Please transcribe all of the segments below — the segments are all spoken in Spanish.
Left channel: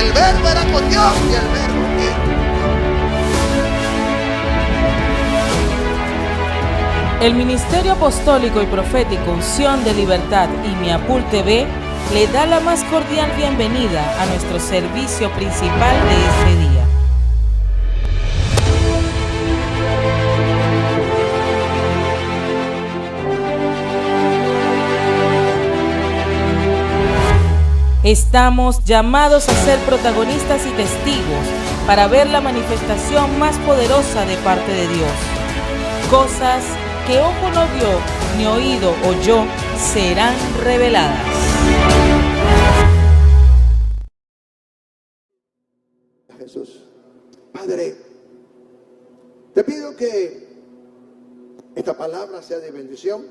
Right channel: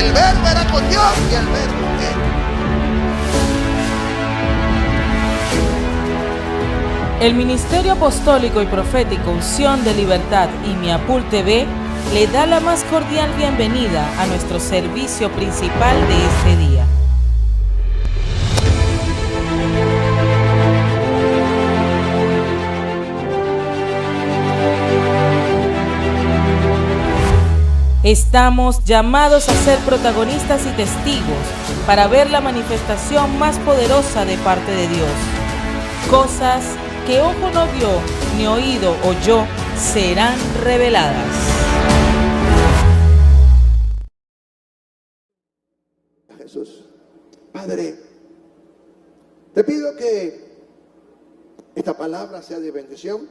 El verbo era con Dios y el verbo era. El Ministerio Apostólico y Profético Unción de Libertad y Miapul TV le da la más cordial bienvenida a nuestro servicio principal de este día. Estamos llamados a ser protagonistas y testigos para ver la manifestación más poderosa de parte de Dios. Cosas que ojo no vio, ni oído oyó, serán reveladas. Jesús, Padre, te pido que esta palabra sea de bendición,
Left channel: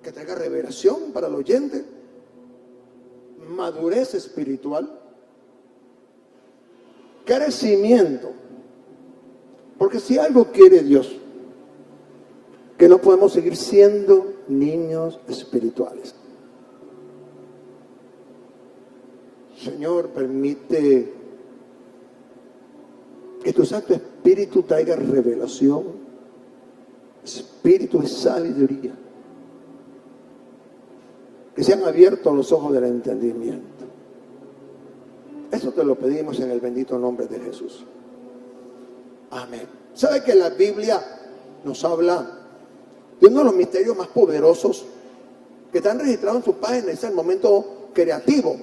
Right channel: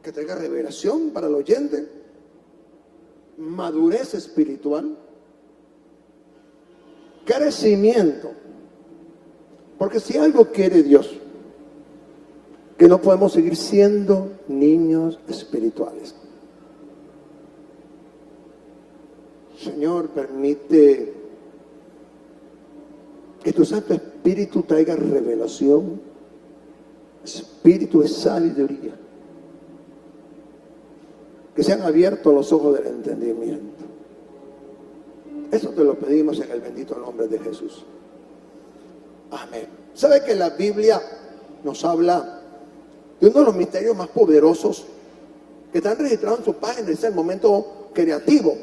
que traiga revelación para el oyente, madurez espiritual, crecimiento. Porque si algo quiere Dios, que no podemos seguir siendo niños espirituales. Señor, permite que tu Santo Espíritu traiga revelación, espíritu de sabiduría, que sean abiertos los ojos del entendimiento. Eso te lo pedimos en el bendito nombre de Jesús. Amén. ¿Sabe que la Biblia nos habla de uno de los misterios más poderosos que están registrados en su página? Es el momento creativo.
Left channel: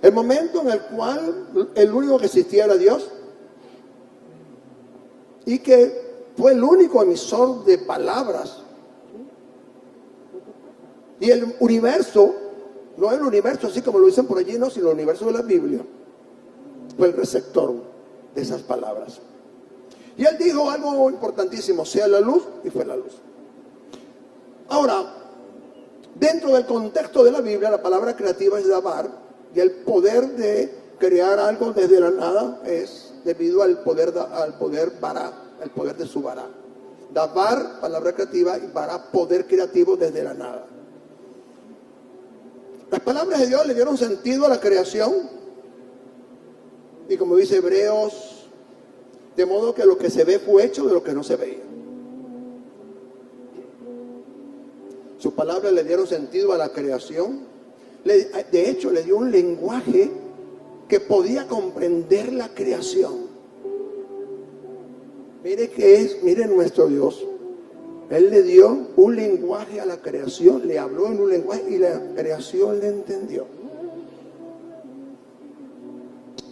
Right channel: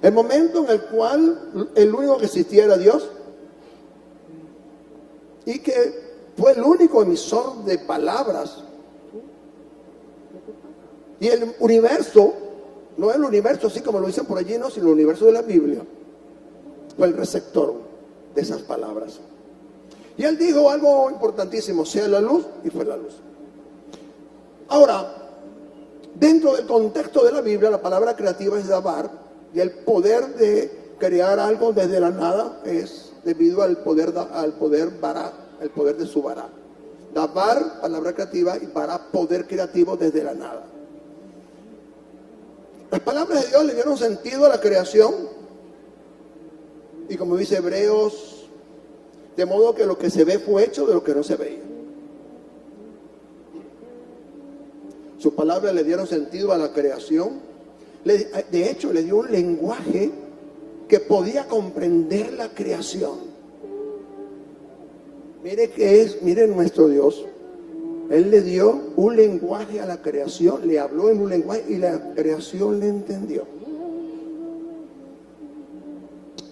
El momento en el cual el único que existía era Dios y que fue el único emisor de palabras. Y el universo, no el universo así como lo dicen por allí, no, sino el universo de la Biblia, fue el receptor de esas palabras. Y él dijo algo importantísimo: sea la luz, y fue la luz. Ahora, dentro del contexto de la Biblia, la palabra creativa es dabar, y el poder de crear algo desde la nada es debido al poder bará, el poder de su bará. Dabar, palabra creativa, y bará, poder creativo desde la nada. Las palabras de Dios le dieron sentido a la creación, y como dice Hebreos, de modo que lo que se ve fue hecho de lo que no se veía. Sus palabras le dieron sentido a la creación. De hecho, le dio un lenguaje que podía comprender la creación. Mire nuestro Dios. Él le dio un lenguaje a la creación, le habló en un lenguaje y la creación le entendió.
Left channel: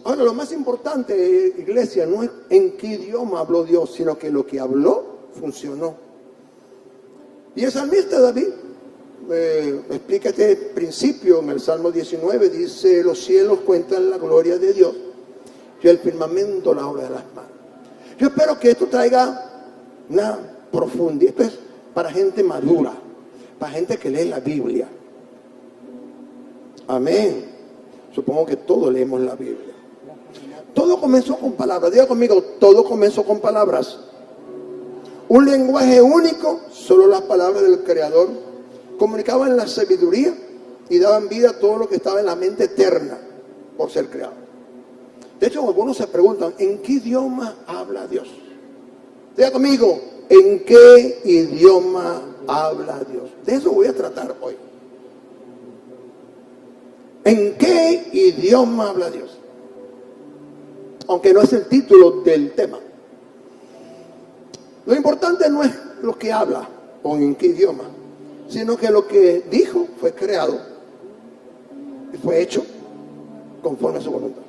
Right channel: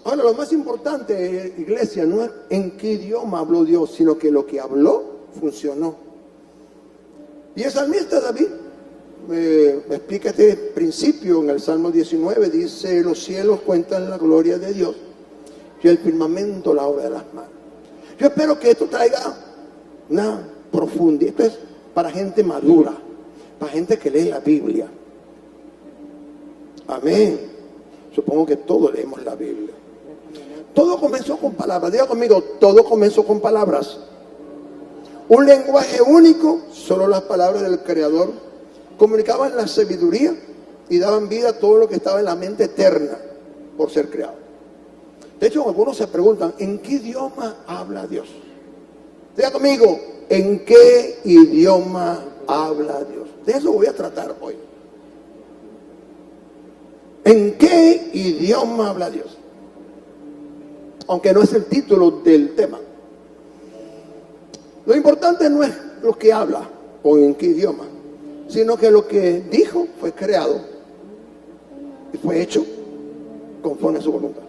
Ahora, lo más importante, iglesia, no es en qué idioma habló Dios, sino que lo que habló funcionó. Y el salmista David explica este principio en el Salmo 19. Dice: los cielos cuentan la gloria de Dios y el firmamento la obra de las manos. Yo espero que esto traiga una profundidad. Esto es para gente madura, para gente que lee la Biblia. Amén. Supongo que todos leemos la Biblia. Todo comenzó con palabras. Diga conmigo: todo comenzó con palabras. Un lenguaje único. Solo las palabras del Creador comunicaban la sabiduría y daban vida a todo lo que estaba en la mente eterna por ser creado. De hecho, algunos se preguntan: ¿en qué idioma habla Dios? Diga conmigo: ¿en qué idioma habla Dios? De eso voy a tratar hoy. ¿En qué idioma habla Dios? Aunque no es el título del tema. Lo importante no es lo que habla o en qué idioma, sino que lo que dijo fue creado y fue hecho conforme a su voluntad.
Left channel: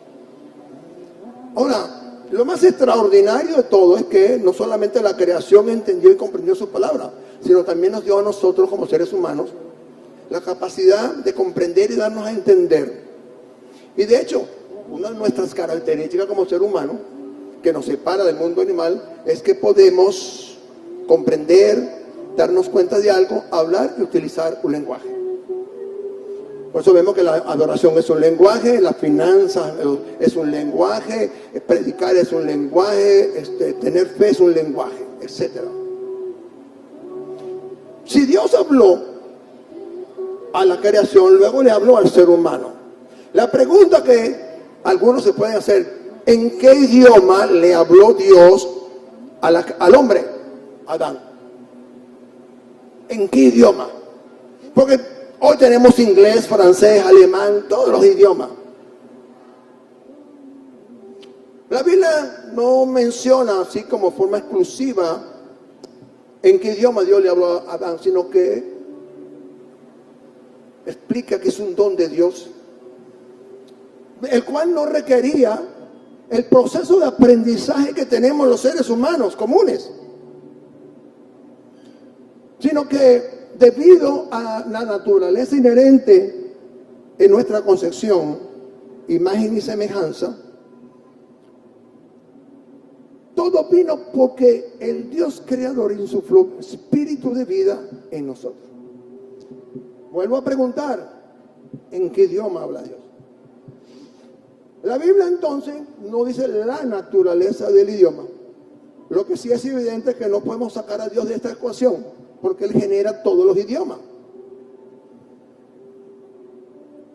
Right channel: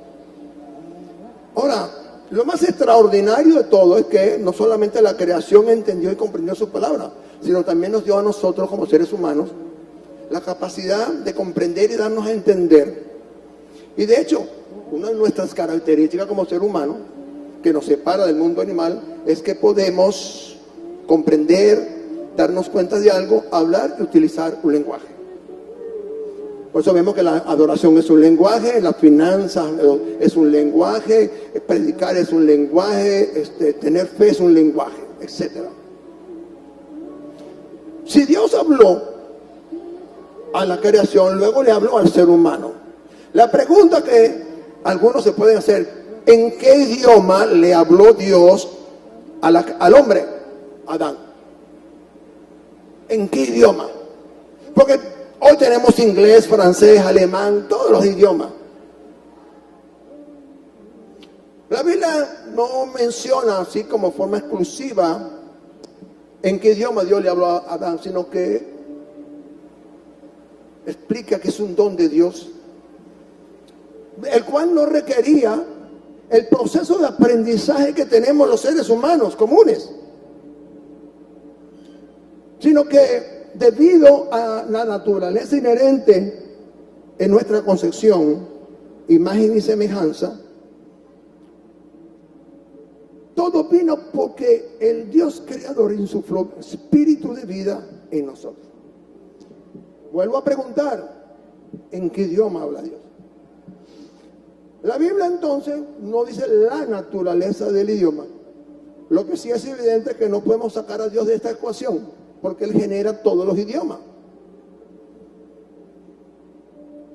Ahora, lo más extraordinario de todo es que no solamente la creación entendió y comprendió su palabra, sino también nos dio a nosotros como seres humanos la capacidad de comprender y darnos a entender. Y de hecho, una de nuestras características como ser humano que nos separa del mundo animal es que podemos comprender, darnos cuenta de algo, hablar y utilizar un lenguaje. Por eso vemos que la adoración es un lenguaje, la finanza es un lenguaje, predicar es un lenguaje, tener fe es un lenguaje, etc. Si Dios habló a la creación, luego le habló al ser humano. La pregunta que algunos se pueden hacer: ¿en qué idioma le habló Dios al hombre, Adán? ¿En qué idioma? Porque hoy tenemos inglés, francés, alemán, todos los idiomas. La Biblia no menciona así como forma exclusiva en qué idioma Dios le habló a Adán, sino que explica que es un don de Dios, el cual no requería el proceso de aprendizaje que tenemos los seres humanos comunes, sino que debido a la naturaleza inherente en nuestra concepción, imagen y semejanza, todo vino porque el Dios creador insufló espíritu de vida en nosotros. Vuelvo a preguntar: ¿en qué idioma habla Dios? La Biblia entonces no dice la naturaleza del idioma. Lo que sí es evidente es que no podemos sacar a Dios de esta ecuación, porque Él genera todos los idiomas.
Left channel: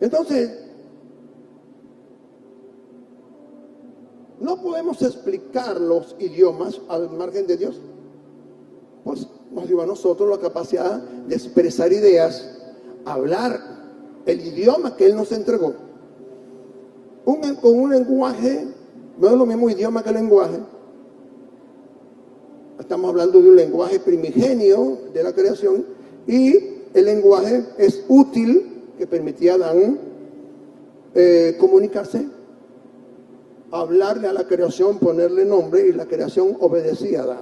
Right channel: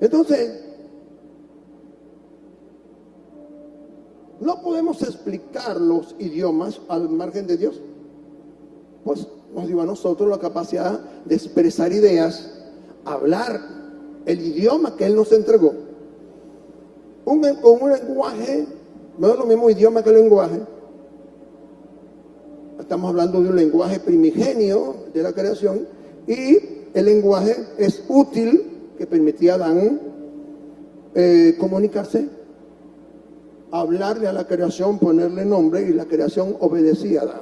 Entonces, no podemos explicar los idiomas al margen de Dios. Pues nos dio a nosotros la capacidad de expresar ideas, hablar el idioma que Él nos entregó. Con un lenguaje, no es lo mismo idioma que lenguaje. Estamos hablando de un lenguaje primigenio de la creación, y el lenguaje es útil, que permitía a Adán comunicarse, hablarle a la creación, ponerle nombre, y la creación obedecía a Adán.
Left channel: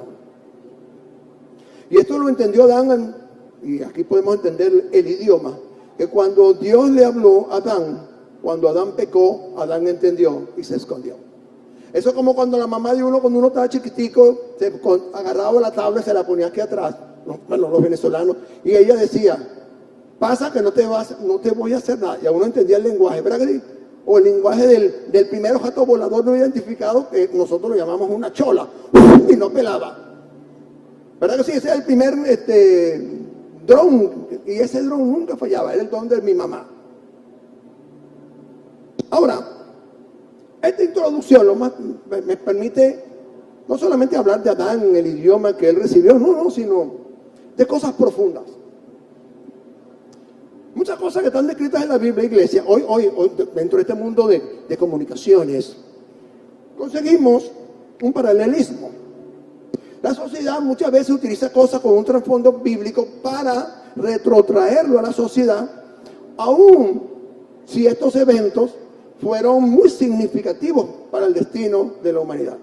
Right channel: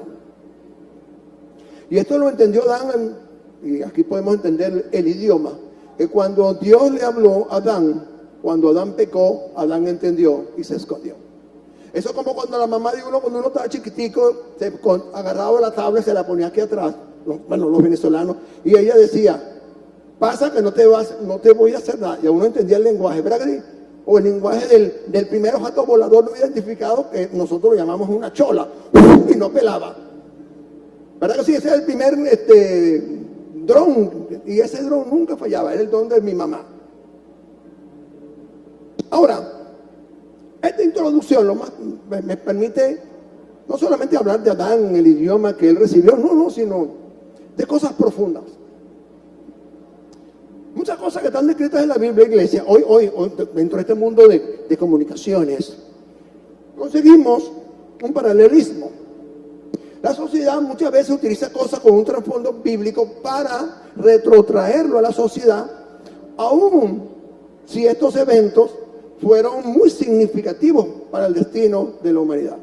Y esto lo entendió Adán, y aquí podemos entender el idioma, que cuando Dios le habló a Adán, cuando Adán pecó, Adán entendió y se escondió. Eso es como cuando la mamá de uno, cuando uno estaba chiquitico, agarraba la tabla y se la ponía aquí atrás, los venezolanos, y ella decía: pasa que no te voy a hacer nada. Y a uno entendía el lenguaje, ¿verdad que sí? O el lenguaje del primer objeto volador no identificado, que nosotros lo llamamos una chola, y no pelaba. ¿Verdad que sí? Ese es el primer dron, y ese dron nunca fallaba, era el don de mi mamá. Ahora, esta introducción me permite no solamente hablar de Adán, el idioma que él recibió, sino de cosas profundas. Muchas cosas que están descritas en la Biblia, iglesia, hoy dentro de este mundo de comunicaciones, conseguimos un paralelismo. La sociedad muchas veces utiliza cosas con un trasfondo bíblico para retrotraerlo a la sociedad, aun si estos eventos fueron muy significativos para el destino de la humanidad.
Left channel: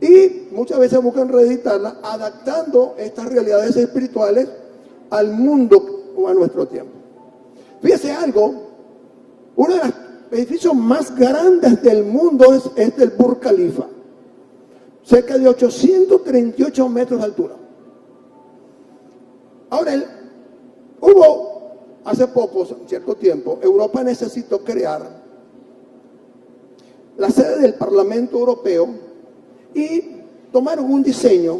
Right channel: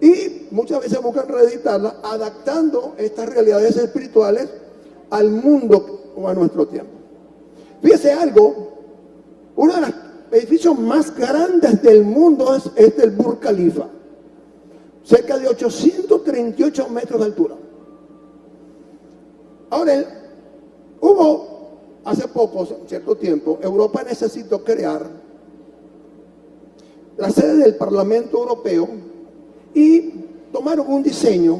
Y muchas veces buscan reeditarla, adaptando estas realidades espirituales al mundo o a nuestro tiempo. Fíjese algo: uno de los edificios más grandes del mundo es el Burj Khalifa, cerca de 838 metros de altura. Ahora, hace poco, cierto tiempo, Europa necesitó crear la sede del Parlamento Europeo y tomaron un diseño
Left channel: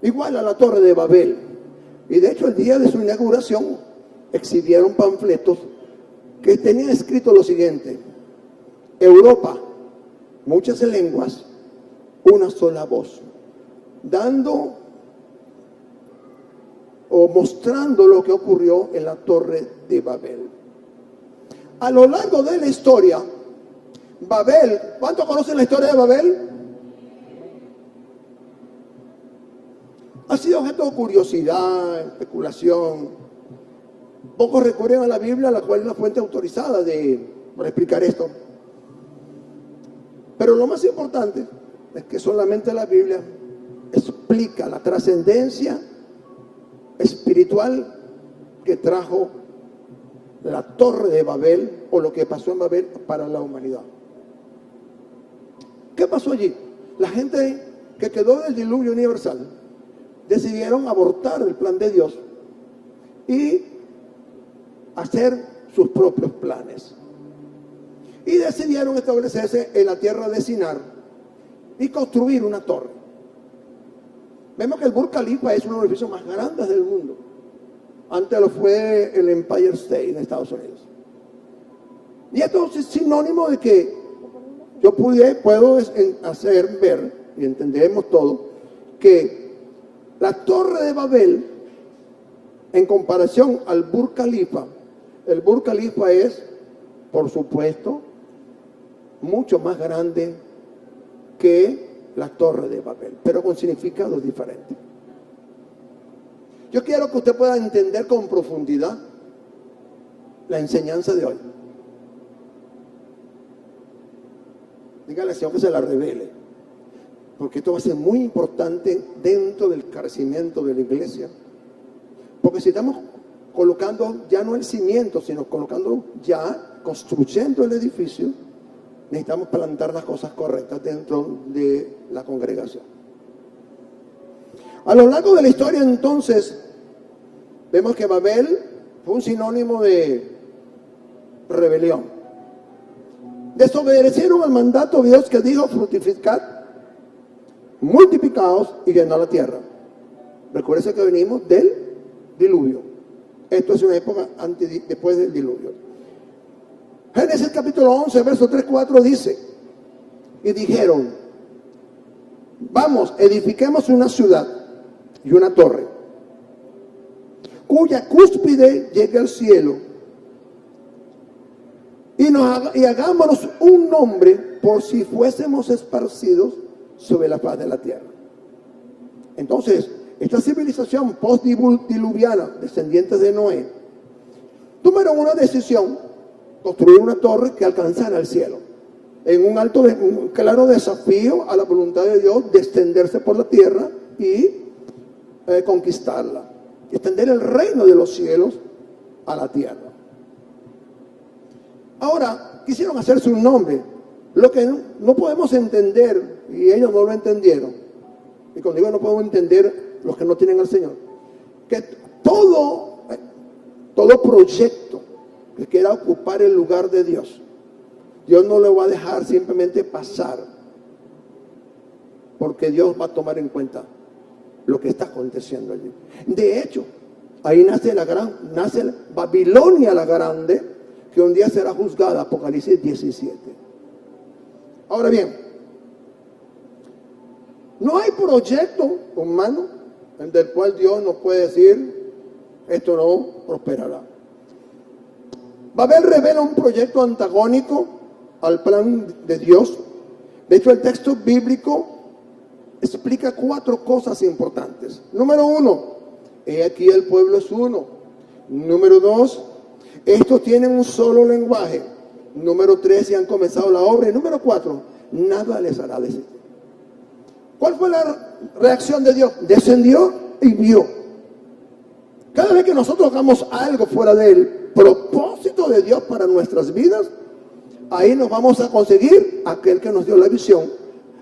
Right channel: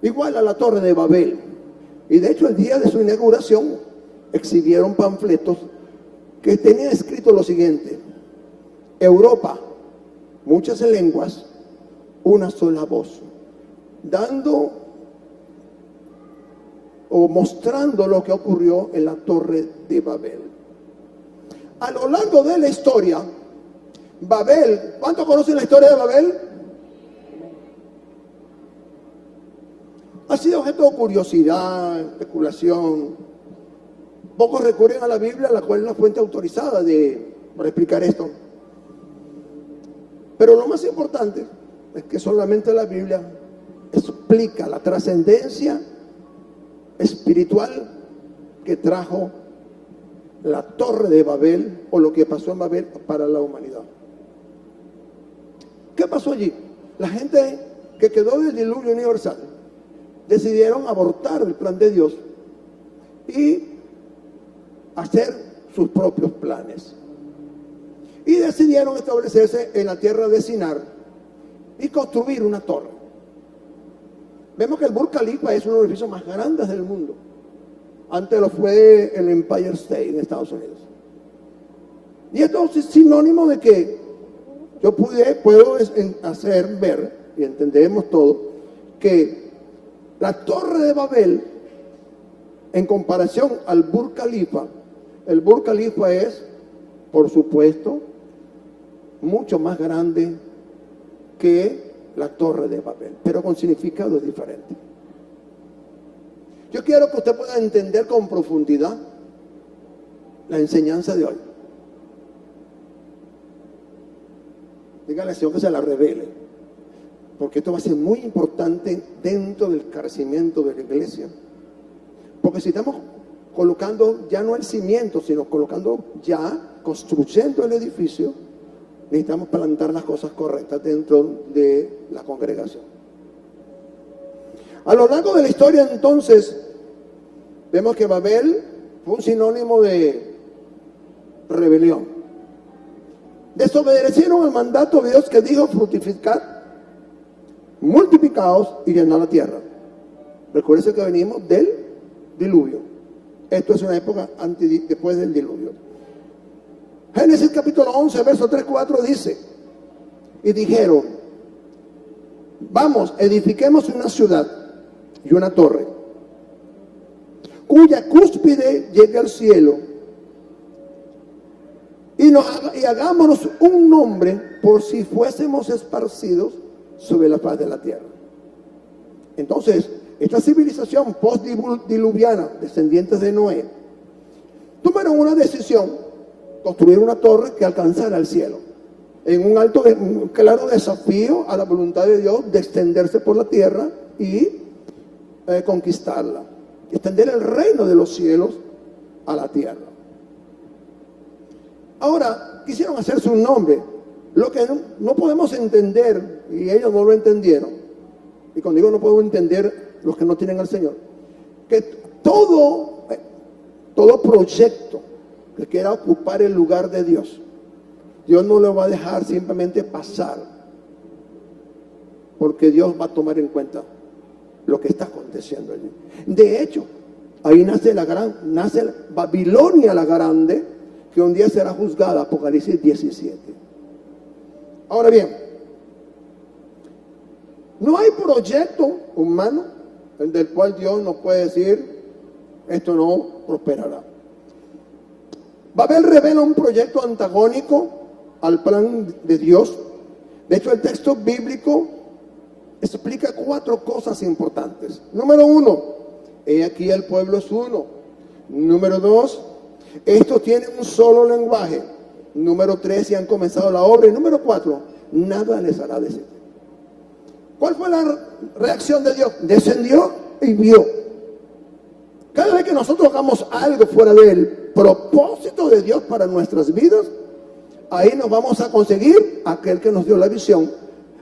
igual a la Torre de Babel. Y de hecho, el día de su inauguración exhibieron panfletos que tenían escrito lo siguiente: Europa, muchas lenguas, una sola voz, dando o mostrando lo que ocurrió en la Torre de Babel. A lo largo de la historia, Babel, ¿cuántos conocen la historia de Babel? Ha sido objeto de curiosidad, especulación. Pocos recurren a la Biblia, la cual es la fuente autorizada para explicar esto. Pero lo más importante es que solamente la Biblia explica la trascendencia espiritual que trajo la Torre de Babel, o lo que pasó en Babel para la humanidad. ¿Qué pasó allí? La gente que quedó del diluvio universal decidieron abortar el plan de Dios y hacer sus propios planes. Y decidieron establecerse en la tierra de Sinar y construir una torre. Vemos que el Burj Khalifa es uno de los edificios más grandes del mundo. Antes lo fue el Empire State en Estados Unidos. Y esto es sinónimo de que yo puedo hacer ver, y entendemos todo, que la Torre de Babel, en comparación al Burj Khalifa, el Burj Khalifa es, por supuesto, mucho más grande que la Torre de Babel, pero con significados diferentes. Yo quiero que usted pueda entender con profundidad la enseñanza de hoy. Dígale al Señor que se la revele, porque esto va a ser muy importante dentro del crecimiento de la iglesia. Porque si estamos colocando ya no el cimiento, sino colocando ya, construyendo el edificio, necesitamos plantar las cosas correctas dentro de la congregación. A lo largo de la historia, entonces, vemos que Babel fue un sinónimo de rebelión. Desobedecieron al mandato de Dios que dijo: fructificad, multiplicaos y llenad la tierra. Recuérdense que venimos del diluvio. Esto es una época después del diluvio. Génesis capítulo 11, verso 3-4 dice: y dijeron: vamos, edifiquemos una ciudad y una torre, cuya cúspide llegue al cielo, y hagámonos un nombre por si fuésemos esparcidos sobre la faz de la tierra. Entonces, esta civilización post-diluviana, descendientes de Noé, tomaron una decisión: construir una torre que alcanzara el cielo, en un claro desafío a la voluntad de Dios de extenderse por la tierra y conquistarla, extender el reino de los cielos a la tierra. Ahora, quisieron hacerse un nombre. Lo que no podemos entender, y ellos no lo entendieron, y cuando digo no podemos entender los que no tienen al Señor, que todo proyecto que quiera ocupar el lugar de Dios, Dios no lo va a dejar simplemente pasar, porque Dios va a tomar en cuenta lo que está aconteciendo allí. De hecho, ahí nace Babilonia la Grande, que un día será juzgada, Apocalipsis 17. Ahora bien, no hay proyecto humano del cual Dios no puede decir: esto no prosperará. Babel revela un proyecto antagónico al plan de Dios. De hecho, el texto bíblico explica 4 cosas importantes. Número 1, he aquí el pueblo es uno. Número 2, estos tienen un solo lenguaje. Número 3, ya han comenzado la obra. Y número 4, nada les hará desistir. ¿Cuál fue la reacción de Dios? Descendió y vio. Cada vez que nosotros hagamos algo fuera del propósito de Dios para nuestras vidas, ahí nos vamos a conseguir aquel que nos dio la visión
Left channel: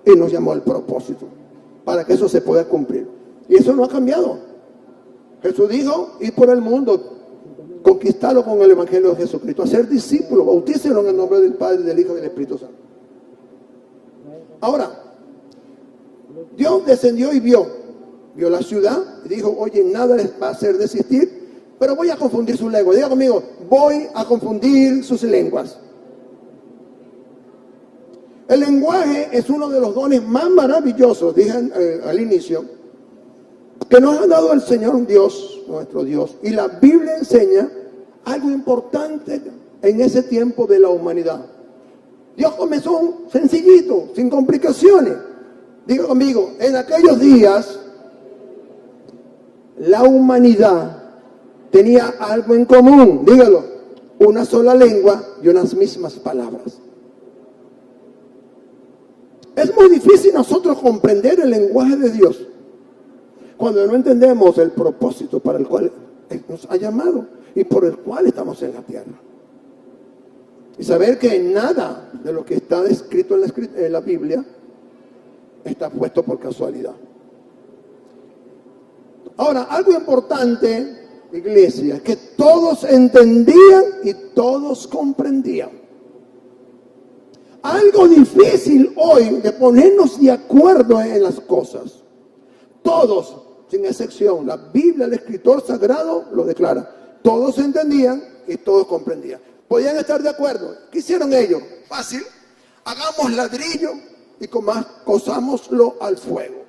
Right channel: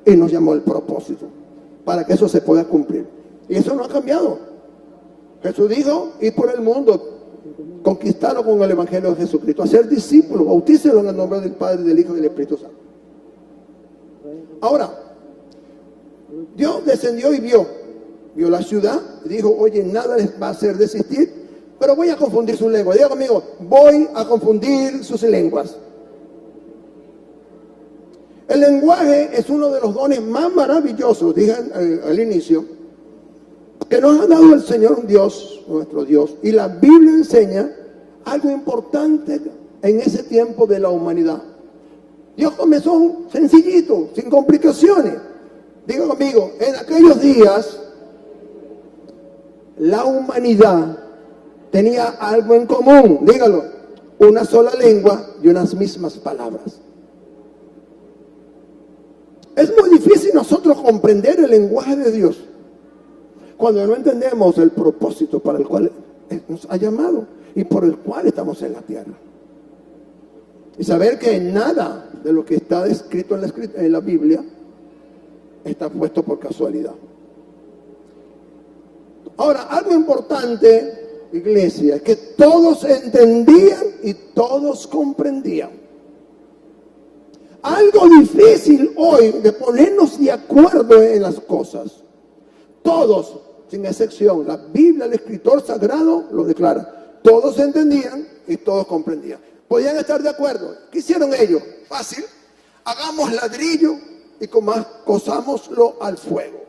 y nos llamó el propósito, para que eso se pueda cumplir. Y eso no ha cambiado. Jesús dijo: ir por el mundo, conquistarlo con el evangelio de Jesucristo, hacer discípulos, bautícenlo en el nombre del Padre, del Hijo y del Espíritu Santo. Ahora, Dios descendió y vio la ciudad y dijo: oye, nada les va a hacer desistir, pero voy a confundir sus lenguas. Diga conmigo: voy a confundir sus lenguas. El lenguaje es uno de los dones más maravillosos, dije al inicio, que nos ha dado el Señor Dios, nuestro Dios. Y la Biblia enseña algo importante en ese tiempo de la humanidad. Dios comenzó sencillito, sin complicaciones. Diga conmigo: en aquellos días la humanidad tenía algo en común. Dígalo: una sola lengua y unas mismas palabras. Es muy difícil nosotros comprender el lenguaje de Dios cuando no entendemos el propósito para el cual nos ha llamado y por el cual estamos en la tierra. Y saber que nada de lo que está escrito en la Biblia está puesto por casualidad. Ahora, algo importante, iglesia, es que todos entendían y todos comprendían. Algo difícil hoy de ponernos de acuerdo en las cosas. Todos, sin excepción, la Biblia, el escritor sagrado lo declara. Todos entendían y todos comprendían. podían estar de acuerdo. ¿Qué hicieron ellos? Fácil. Hagamos ladrillo y cosámoslo al fuego.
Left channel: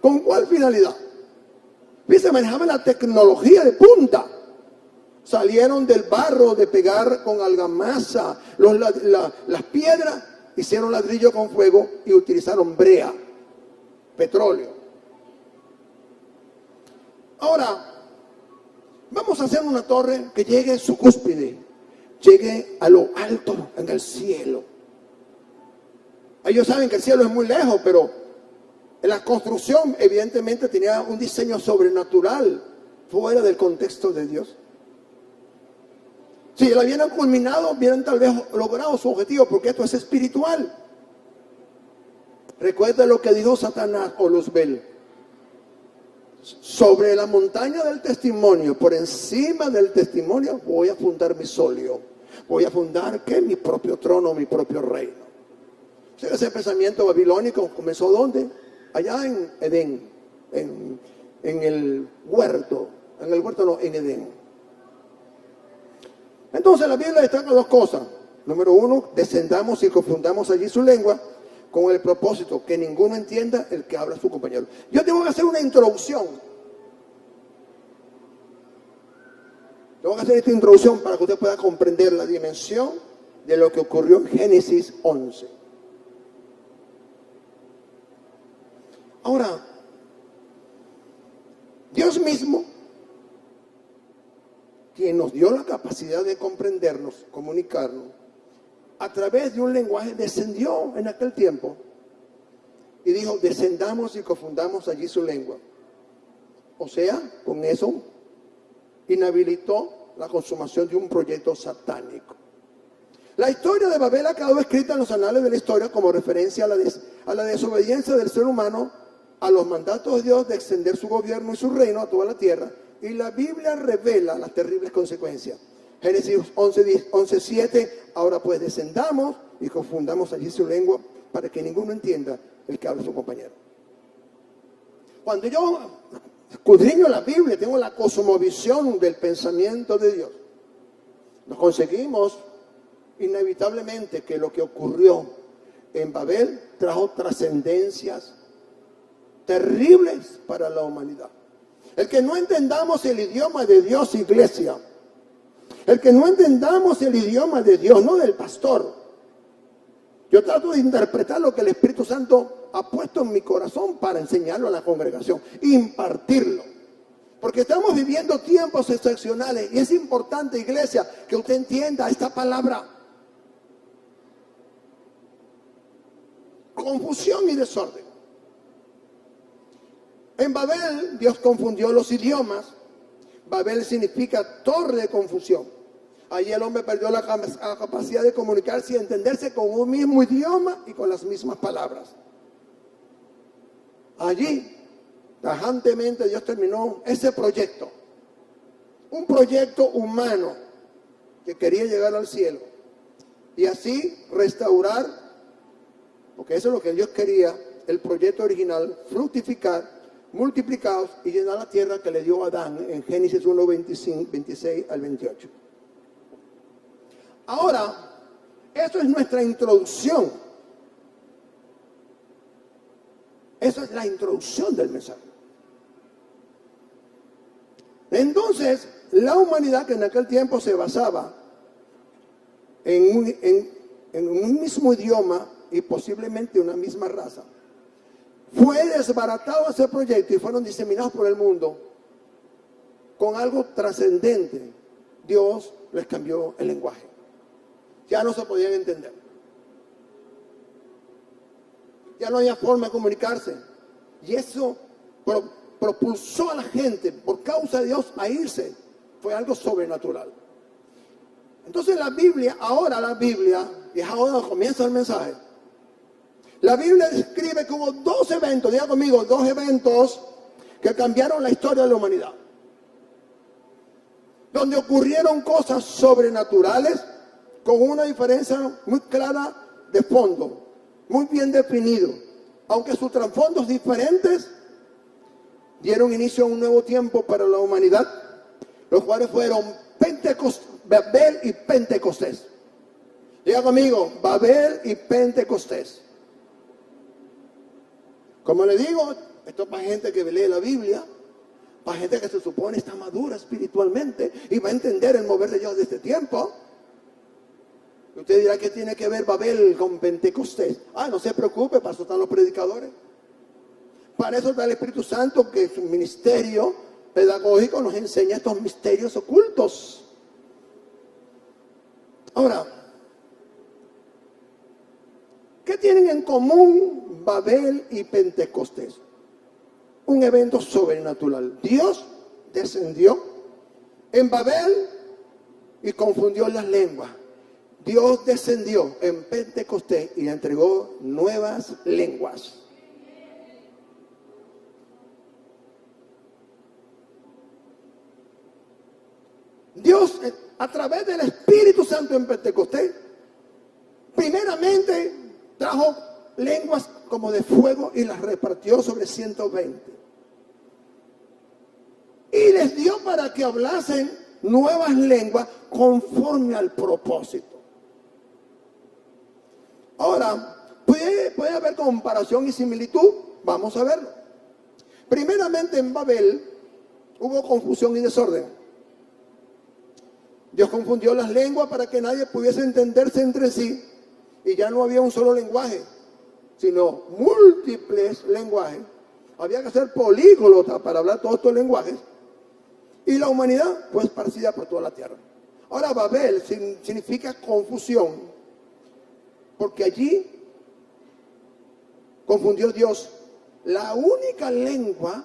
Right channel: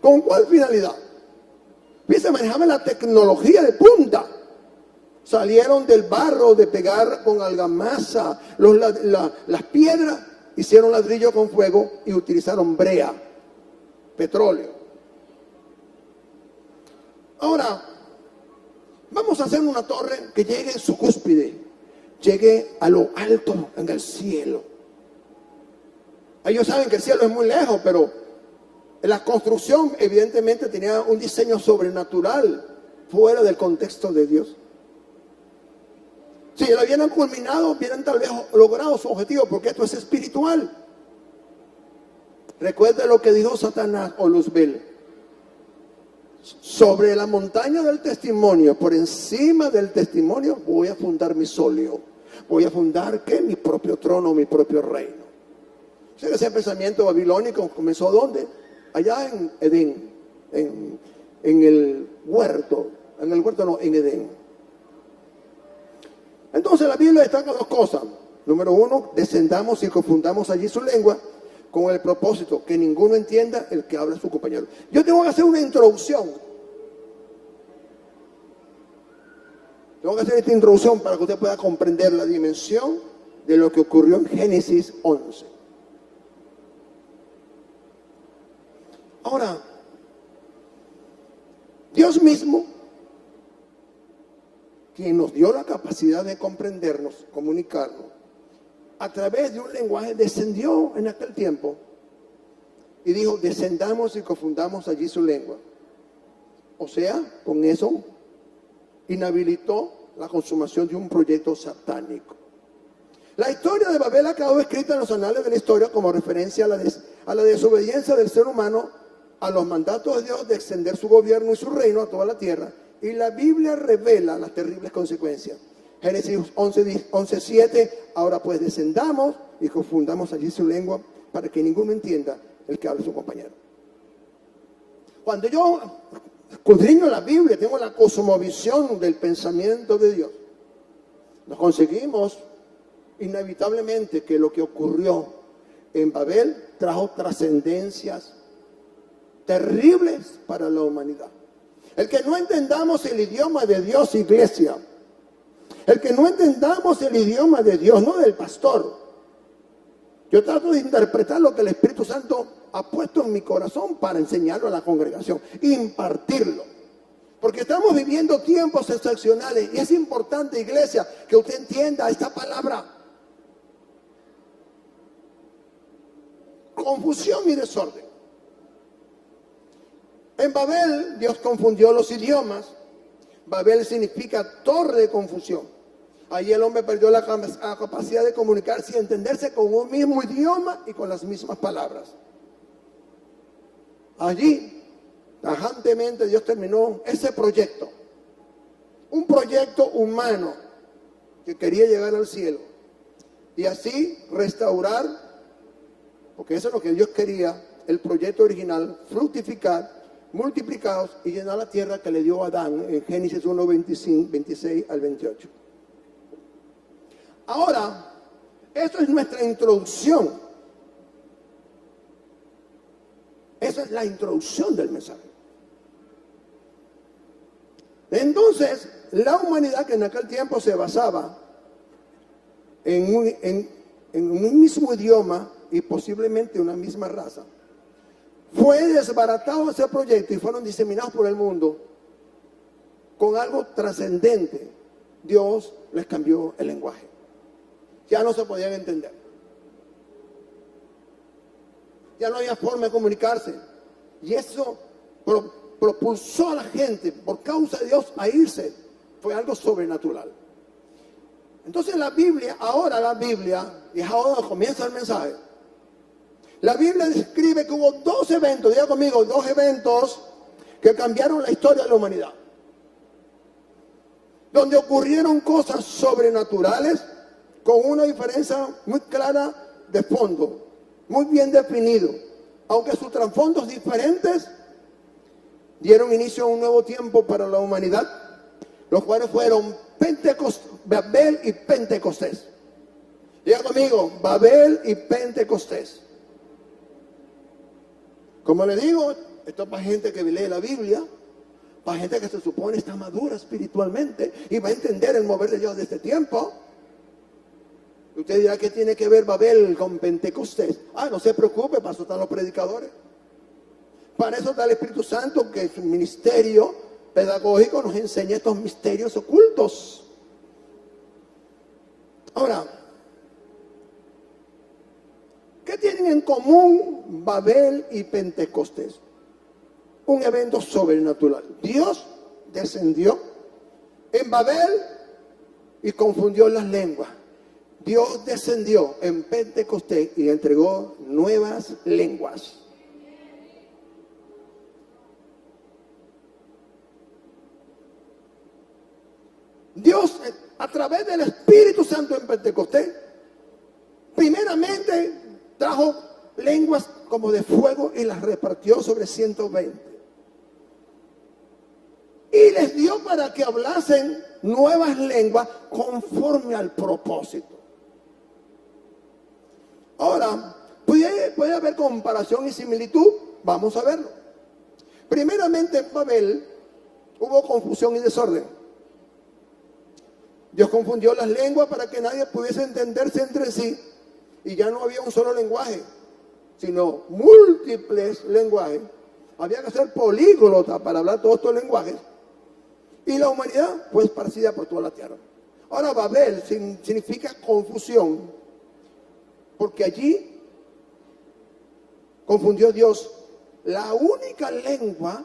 ¿Con cuál finalidad? Se manejaban la tecnología de punta. Salieron del barro de pegar con argamasa las piedras, hicieron ladrillo con fuego y utilizaron brea, petróleo. Ahora, vamos a hacer una torre que llegue en su cúspide, llegue a lo alto en el cielo. Ellos saben que el cielo es muy lejos, pero la construcción evidentemente tenía un diseño sobrenatural fuera del contexto de Dios. Si lo hubieran culminado, hubieran tal vez logrado su objetivo, porque esto es espiritual. Recuerda lo que dijo Satanás o Luzbel. Sobre la montaña del testimonio, por encima del testimonio, voy a fundar mi solio. Voy a fundar, ¿qué? Mi propio trono, mi propio reino. O sea, ese pensamiento babilónico comenzó ¿dónde? Allá en Edén, en el huerto. En el huerto no, en Edén. Entonces la Biblia destaca dos cosas. Número uno, descendamos y confundamos allí su lengua con el propósito que ninguno entienda el que habla a su compañero. Yo tengo que hacer una introducción. Tengo que hacer esta introducción para que usted pueda comprender la dimensión de lo que ocurrió en Génesis 11. Ahora, Dios mismo, quien nos dio la capacidad de comprendernos, comunicarnos, a través de un lenguaje descendió en aquel tiempo y dijo, descendamos y confundamos allí su lengua. O sea, con eso inhabilitó la consumación de un proyecto satánico. La historia de Babel ha quedado escrita en los anales de la historia como referencia a la desobediencia del ser humano a los mandatos de Dios de extender su gobierno y su reino a toda la tierra. Y la Biblia revela las terribles consecuencias. Génesis 11:7, ahora pues descendamos y confundamos allí su lengua para que ninguno entienda el que habla su compañero. Cuando yo escudriño la Biblia, tengo la cosmovisión del pensamiento de Dios. Nos conseguimos inevitablemente que lo que ocurrió en Babel trajo trascendencias terribles para la humanidad. El que no entendamos el idioma de Dios, iglesia, el que no entendamos el idioma de Dios, no del pastor. Yo trato de interpretar lo que el Espíritu Santo ha puesto en mi corazón para enseñarlo a la congregación, impartirlo. Porque estamos viviendo tiempos excepcionales y es importante, iglesia, que usted entienda esta palabra. Confusión y desorden. En Babel, Dios confundió los idiomas. Babel significa torre de confusión. Allí el hombre perdió la capacidad de comunicarse y entenderse con un mismo idioma y con las mismas palabras. Allí, tajantemente, Dios terminó ese proyecto. Un proyecto humano que quería llegar al cielo. Y así restaurar, porque eso es lo que Dios quería, el proyecto original, fructificar, multiplicados y llenar la tierra que le dio a Adán en Génesis 1, 26 al 28. Ahora, eso es nuestra introducción. Esa es la introducción del mensaje. Entonces, la humanidad que en aquel tiempo se basaba en un mismo idioma y posiblemente una misma raza, fue desbaratado ese proyecto y fueron diseminados por el mundo con algo trascendente. Dios les cambió el lenguaje. Ya no se podían entender. Ya no había forma de comunicarse. Y eso propulsó a la gente, por causa de Dios, a irse. Fue algo sobrenatural. Entonces la Biblia, y es ahora donde comienza el mensaje. La Biblia describe que hubo dos eventos, diga conmigo, dos eventos que cambiaron la historia de la humanidad. Donde ocurrieron cosas sobrenaturales con una diferencia muy clara de fondo, muy bien definido. Aunque sus trasfondos diferentes dieron inicio a un nuevo tiempo para la humanidad, los cuales fueron Babel y Pentecostés. Diga conmigo, Babel y Pentecostés. Como le digo, esto es para gente que lee la Biblia, para gente que se supone está madura espiritualmente y va a entender el mover de Dios de este tiempo. Usted dirá, ¿qué tiene que ver Babel con Pentecostés? No se preocupe, para eso están los predicadores. Para eso está el Espíritu Santo, que es un ministerio pedagógico, nos enseña estos misterios ocultos. Ahora, ¿qué tienen en común Babel y Pentecostés? Un evento sobrenatural. Dios descendió en Babel y confundió las lenguas. Dios descendió en Pentecostés y entregó nuevas lenguas. Dios, a través del Espíritu Santo en Pentecostés, primeramente trajo lenguas como de fuego y las repartió sobre 120. Y les dio para que hablasen nuevas lenguas conforme al propósito. Ahora, puede haber comparación y similitud. Vamos a verlo. Primeramente en Babel hubo confusión y desorden. Dios confundió las lenguas para que nadie pudiese entenderse entre sí. Y ya no había un solo lenguaje, sino múltiples lenguajes. Había que ser políglota para hablar todos estos lenguajes. Y la humanidad fue esparcida por toda la tierra. Ahora Babel significa confusión, porque allí confundió Dios la única lengua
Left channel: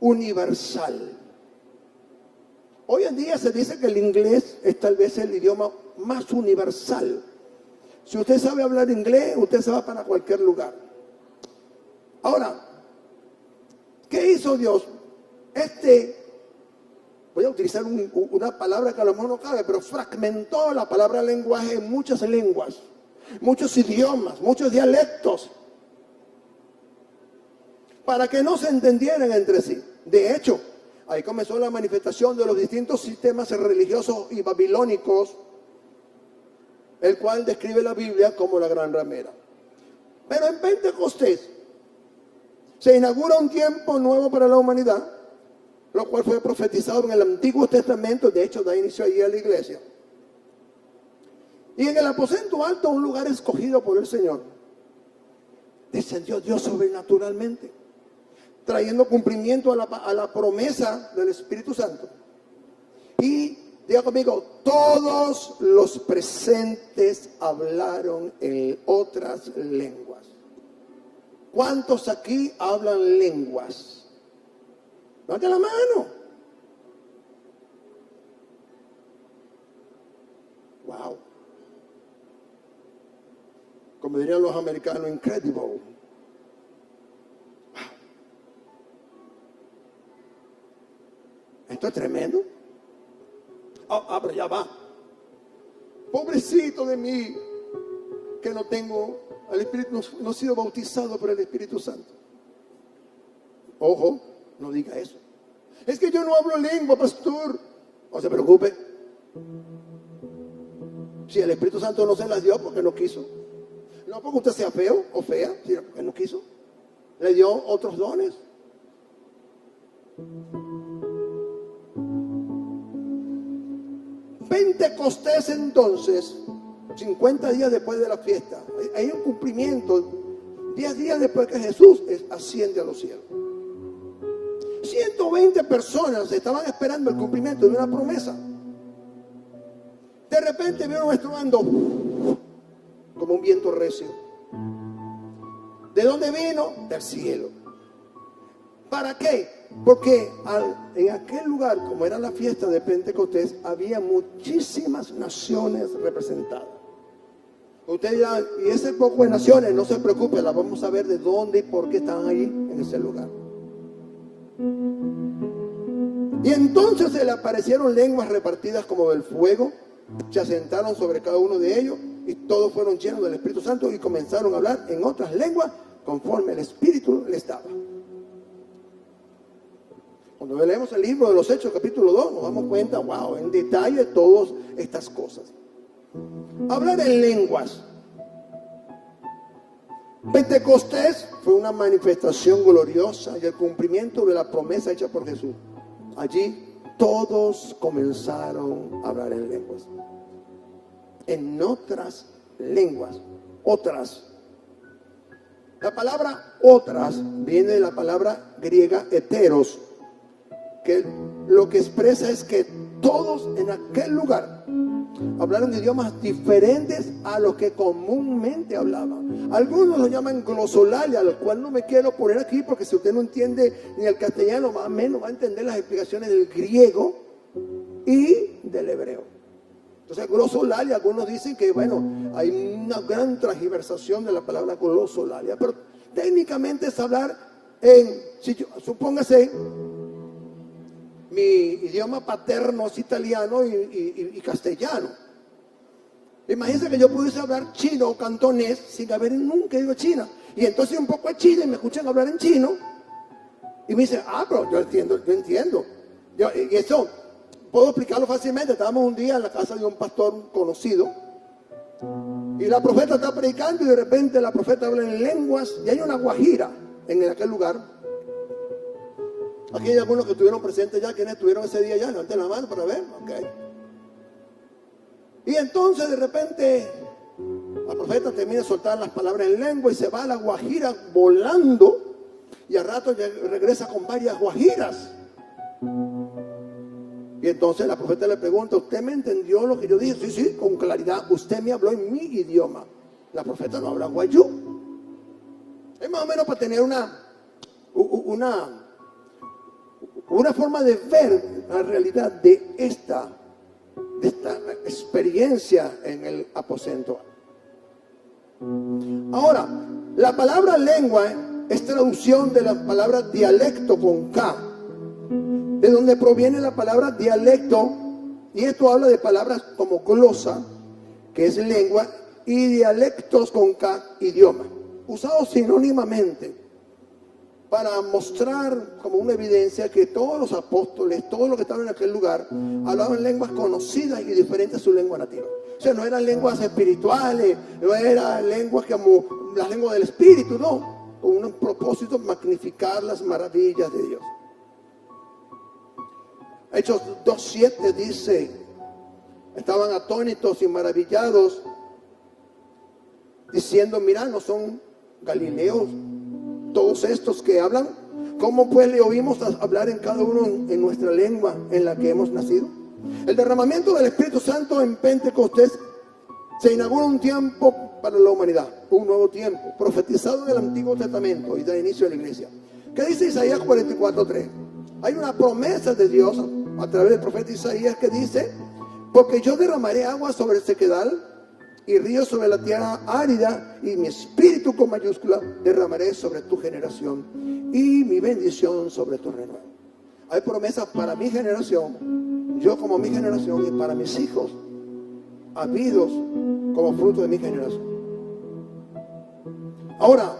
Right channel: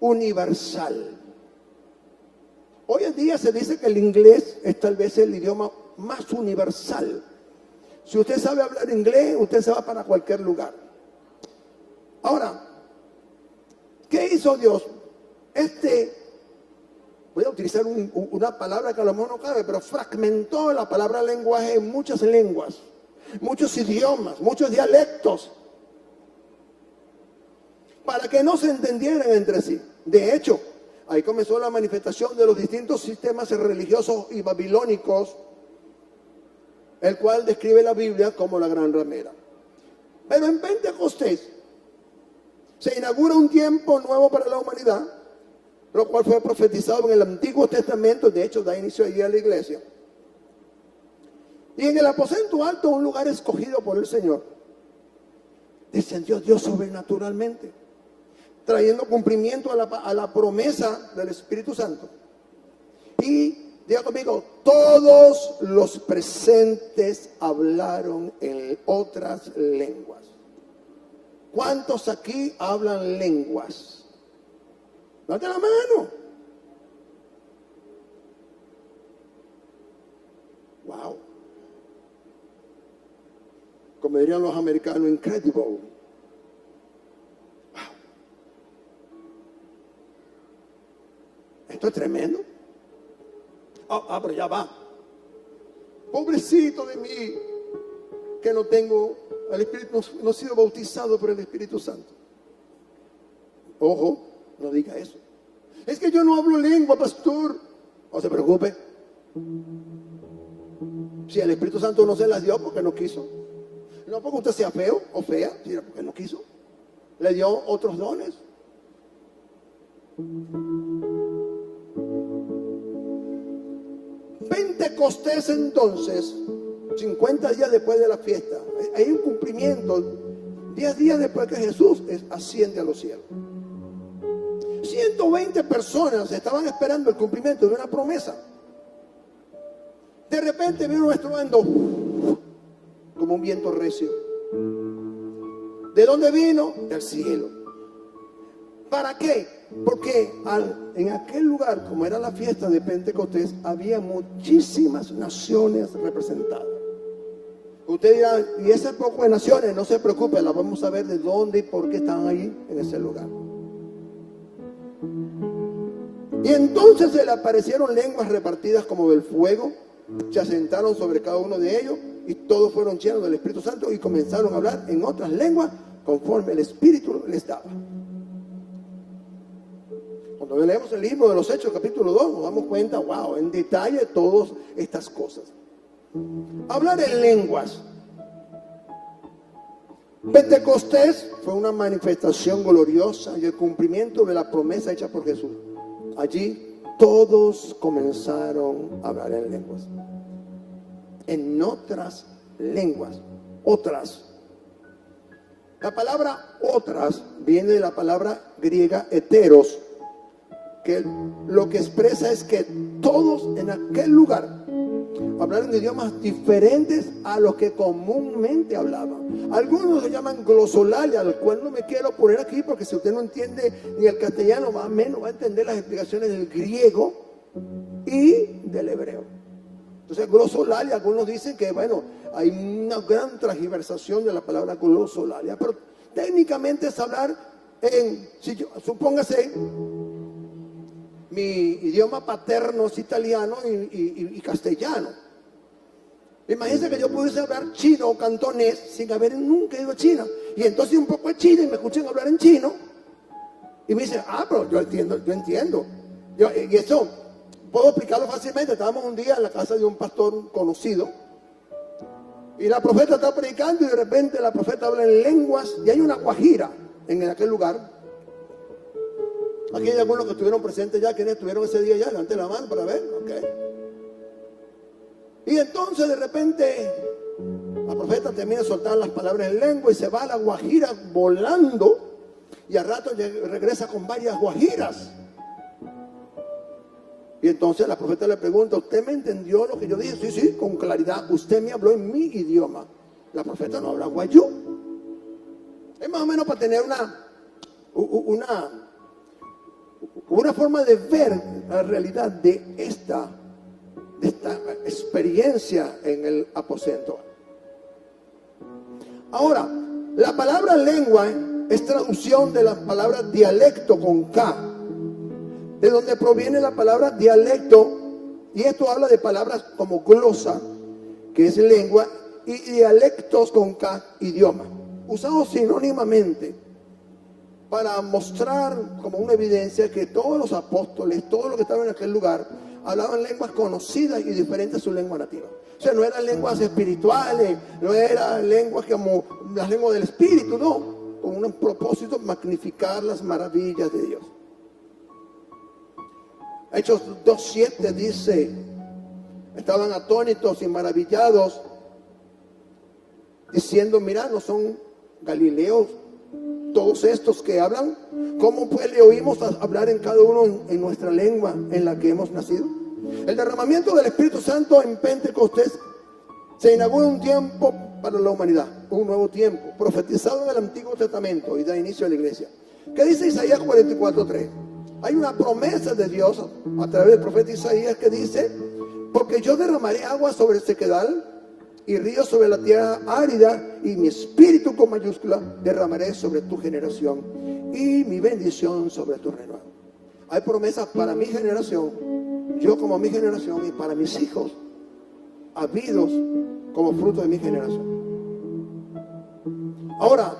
universal. Hoy en día se dice que el inglés es tal vez el idioma más universal. Si usted sabe hablar inglés, usted se va para cualquier lugar. Ahora, ¿qué hizo Dios? Voy a utilizar una palabra que a lo mejor no cabe, pero fragmentó la palabra lenguaje en muchas lenguas, muchos idiomas, muchos dialectos, para que no se entendieran entre sí. De hecho, ahí comenzó la manifestación de los distintos sistemas religiosos y babilónicos, el cual describe la Biblia como la gran ramera. Pero en Pentecostés se inaugura un tiempo nuevo para la humanidad, lo cual fue profetizado en el Antiguo Testamento. De hecho, da inicio allí a la iglesia. Y en el aposento alto, un lugar escogido por el Señor, descendió Dios sobrenaturalmente, trayendo cumplimiento a la promesa del Espíritu Santo. Y diga conmigo, todos los presentes hablaron en otras lenguas. ¿Cuántos aquí hablan lenguas? Levante la mano. Wow. Como dirían los americanos, incredible. Wow. Esto es tremendo. Pero ya va. Pobrecito de mí, que no tengo el Espíritu, no he sido bautizado por el Espíritu Santo. Ojo, no diga eso. Es que yo no hablo lengua, pastor. No se preocupe. Si el Espíritu Santo no se las dio porque no quiso. No porque usted sea feo o fea, sino porque no quiso. Le dio otros dones. Pentecostés entonces, 50 días después de la fiesta, hay un cumplimiento, 10 días después que Jesús asciende a los cielos. 120 personas estaban esperando el cumplimiento de una promesa. De repente vino un estruendo como un viento recio. ¿De dónde vino? Del cielo. ¿Para qué? Porque en aquel lugar, como era la fiesta de Pentecostés, había muchísimas naciones representadas. Usted dirá, ¿y ese poco de naciones? No se preocupe, las vamos a ver de dónde y por qué están ahí en ese lugar. Y entonces se le aparecieron lenguas repartidas como del fuego, se asentaron sobre cada uno de ellos y todos fueron llenos del Espíritu Santo y comenzaron a hablar en otras lenguas conforme el Espíritu les daba. Cuando leemos el libro de los Hechos, capítulo 2, nos damos cuenta, wow, en detalle todas estas cosas. Hablar en lenguas. Pentecostés fue una manifestación gloriosa y el cumplimiento de la promesa hecha por Jesús. Allí todos comenzaron a hablar en lenguas. En otras lenguas. Otras. La palabra otras viene de la palabra griega heteros, que lo que expresa es que todos en aquel lugar hablaron idiomas diferentes a los que comúnmente hablaban. Algunos lo llaman glosolalia, al cual no me quiero poner aquí porque si usted no entiende ni el castellano, más o menos va a entender las explicaciones del griego y del hebreo. Entonces glosolalia, algunos dicen que bueno, hay una gran transgiversación de la palabra glosolalia, pero técnicamente es hablar en, supóngase, mi idioma paterno es italiano y castellano. Imagínense que yo pudiese hablar chino o cantonés sin haber nunca ido a China. Y entonces un poco de China y me escuchan hablar en chino. Y me dicen, pero yo entiendo. Y eso puedo explicarlo fácilmente. Estábamos un día en la casa de un pastor conocido. Y la profeta está predicando y de repente la profeta habla en lenguas. Y hay una guajira en aquel lugar. Aquí hay algunos que estuvieron presentes ya. ¿Quiénes estuvieron ese día ya? Levanten la mano para ver. Okay. Y entonces de repente la profeta termina de soltar las palabras en lengua y se va a la guajira volando. Y al rato regresa con varias guajiras. Y entonces la profeta le pregunta, ¿usted me entendió lo que yo dije? Sí, con claridad. Usted me habló en mi idioma. La profeta no habla guayú. Es más o menos para tener una forma de ver la realidad de esta experiencia en el aposento. Ahora, la palabra lengua es traducción de la palabra dialecto con K, de donde proviene la palabra dialecto, y esto habla de palabras como glosa, que es lengua, y dialectos con K, idioma, usados sinónimamente para mostrar como una evidencia que todos los apóstoles, todos los que estaban en aquel lugar, hablaban lenguas conocidas y diferentes a su lengua nativa. O sea, no eran lenguas espirituales, no eran lenguas como las lenguas del espíritu, no, con un propósito, magnificar las maravillas de Dios. Hechos 2:7 dice, estaban atónitos y maravillados, diciendo, mira, ¿no son galileos todos estos que hablan? ¿Cómo pues le oímos hablar en cada uno en nuestra lengua en la que hemos nacido? El derramamiento del Espíritu Santo en Pentecostés se inaugura un tiempo para la humanidad, un nuevo tiempo, profetizado en el Antiguo Testamento y da inicio a la iglesia. ¿Qué dice Isaías 44:3? Hay una promesa de Dios a través del profeta Isaías que dice, porque yo derramaré agua sobre el sequedal y ríos sobre la tierra árida, y mi espíritu con mayúscula derramaré sobre tu generación y mi bendición sobre tu renuevo. Hay promesas para mi generación, yo como mi generación, y para mis hijos habidos como fruto de mi generación. Ahora,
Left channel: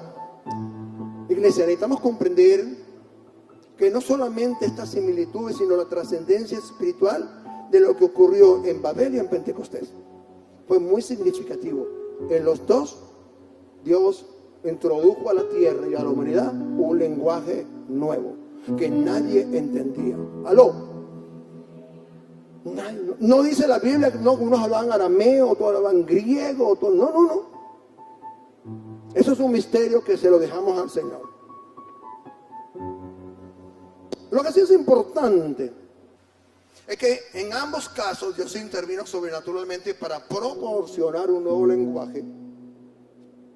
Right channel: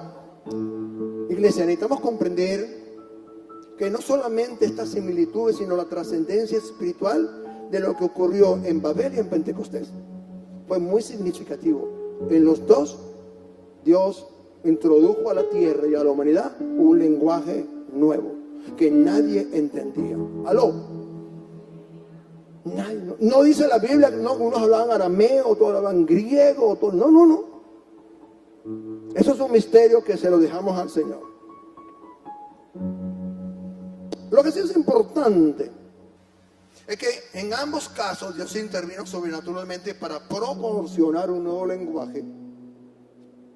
iglesia, necesitamos comprender que no solamente estas similitudes, sino la trascendencia espiritual de lo que ocurrió en Babel y en Pentecostés fue muy significativo. En los dos, Dios introdujo a la tierra y a la humanidad un lenguaje nuevo que nadie entendía. ¿Aló? No dice la Biblia que unos hablaban arameo, otros hablaban griego, no. Eso es un misterio que se lo dejamos al Señor. Lo que sí es importante es que en ambos casos Dios intervino sobrenaturalmente para proporcionar un nuevo lenguaje,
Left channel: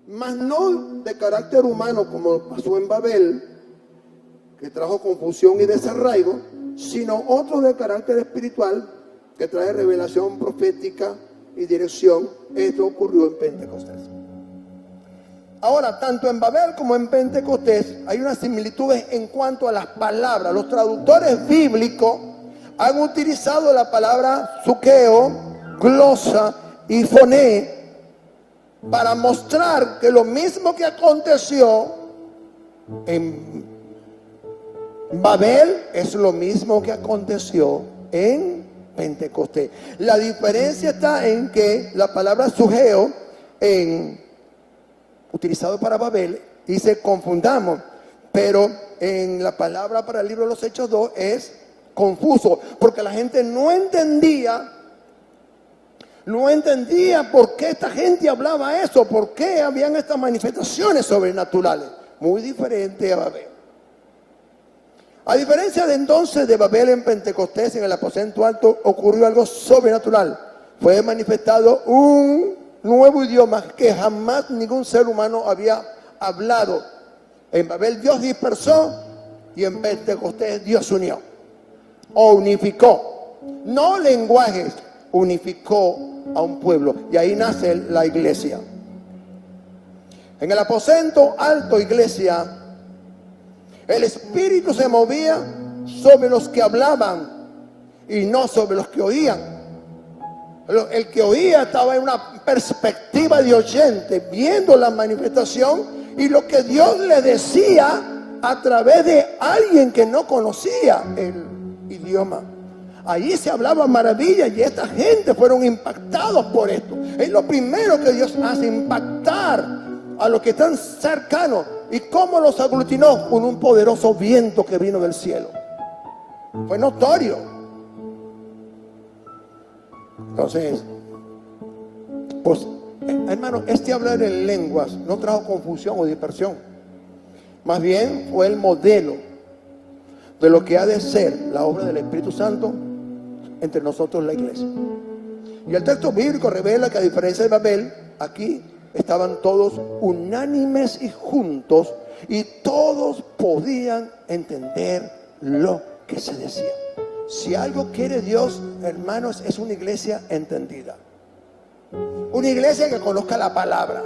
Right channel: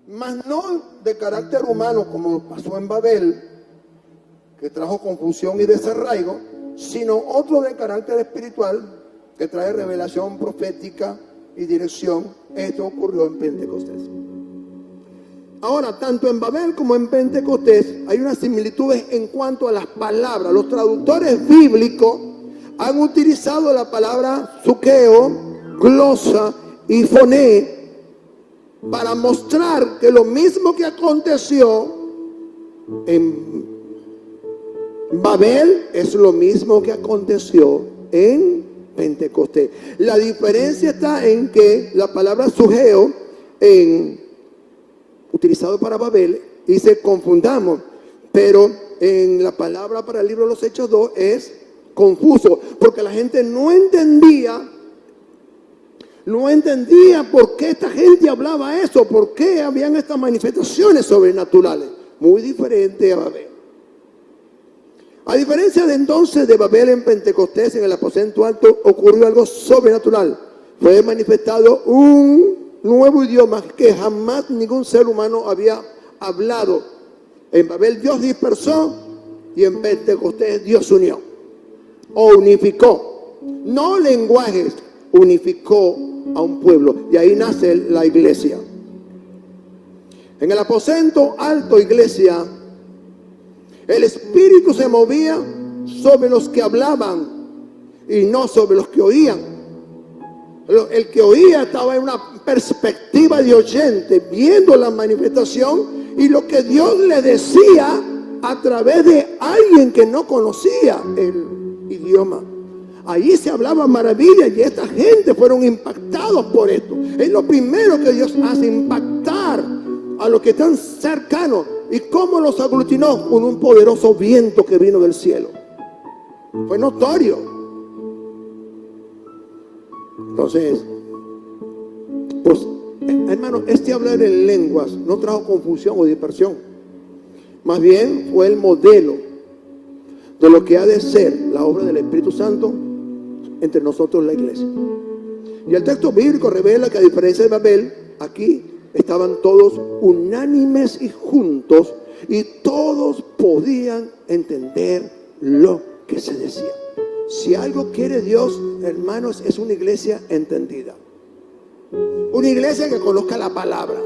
mas no de carácter humano como pasó en Babel, que trajo confusión y desarraigo, sino otro de carácter espiritual que trae revelación profética y dirección. Esto ocurrió en Pentecostés. Ahora, tanto en Babel como en Pentecostés hay unas similitudes en cuanto a las palabras. Los traductores bíblicos han utilizado la palabra zuqueo, glosa y foné para mostrar que lo mismo que aconteció en Babel es lo mismo que aconteció en Pentecostés. La diferencia está en que la palabra sugeo, utilizado para Babel, dice confundamos, pero en la palabra para el libro de los Hechos 2 es confuso, porque la gente no entendía por qué esta gente hablaba eso, por qué habían estas manifestaciones sobrenaturales, muy diferente a Babel. A diferencia de entonces de Babel en Pentecostés, en el aposento alto, ocurrió algo sobrenatural. Fue manifestado un nuevo idioma que jamás ningún ser humano había hablado. En Babel Dios dispersó y en Pentecostés Dios unió o unificó. No lenguajes, unificó a un pueblo. Y ahí nace la iglesia. En el aposento alto, iglesia, el Espíritu se movía sobre los que hablaban y no sobre los que oían. El que oía estaba en una perspectiva de oyente, viendo la manifestación y lo que Dios le decía a través de alguien que no conocía el idioma. Allí se hablaba maravilla y esta gente fueron impactados por esto. Es lo primero que Dios hace, impactar a los que están cercanos. ¿Y cómo los aglutinó? Con un poderoso viento que vino del cielo. Fue notorio. Entonces, pues, hermano, hablar en lenguas no trajo confusión o dispersión. Más bien fue el modelo de lo que ha de ser la obra del Espíritu Santo entre nosotros, la iglesia. Y el texto bíblico revela que a diferencia de Babel, aquí estaban todos unánimes y juntos y todos podían entender lo que se decía. Si algo quiere Dios, hermanos, es una iglesia entendida. Una iglesia que conozca la palabra.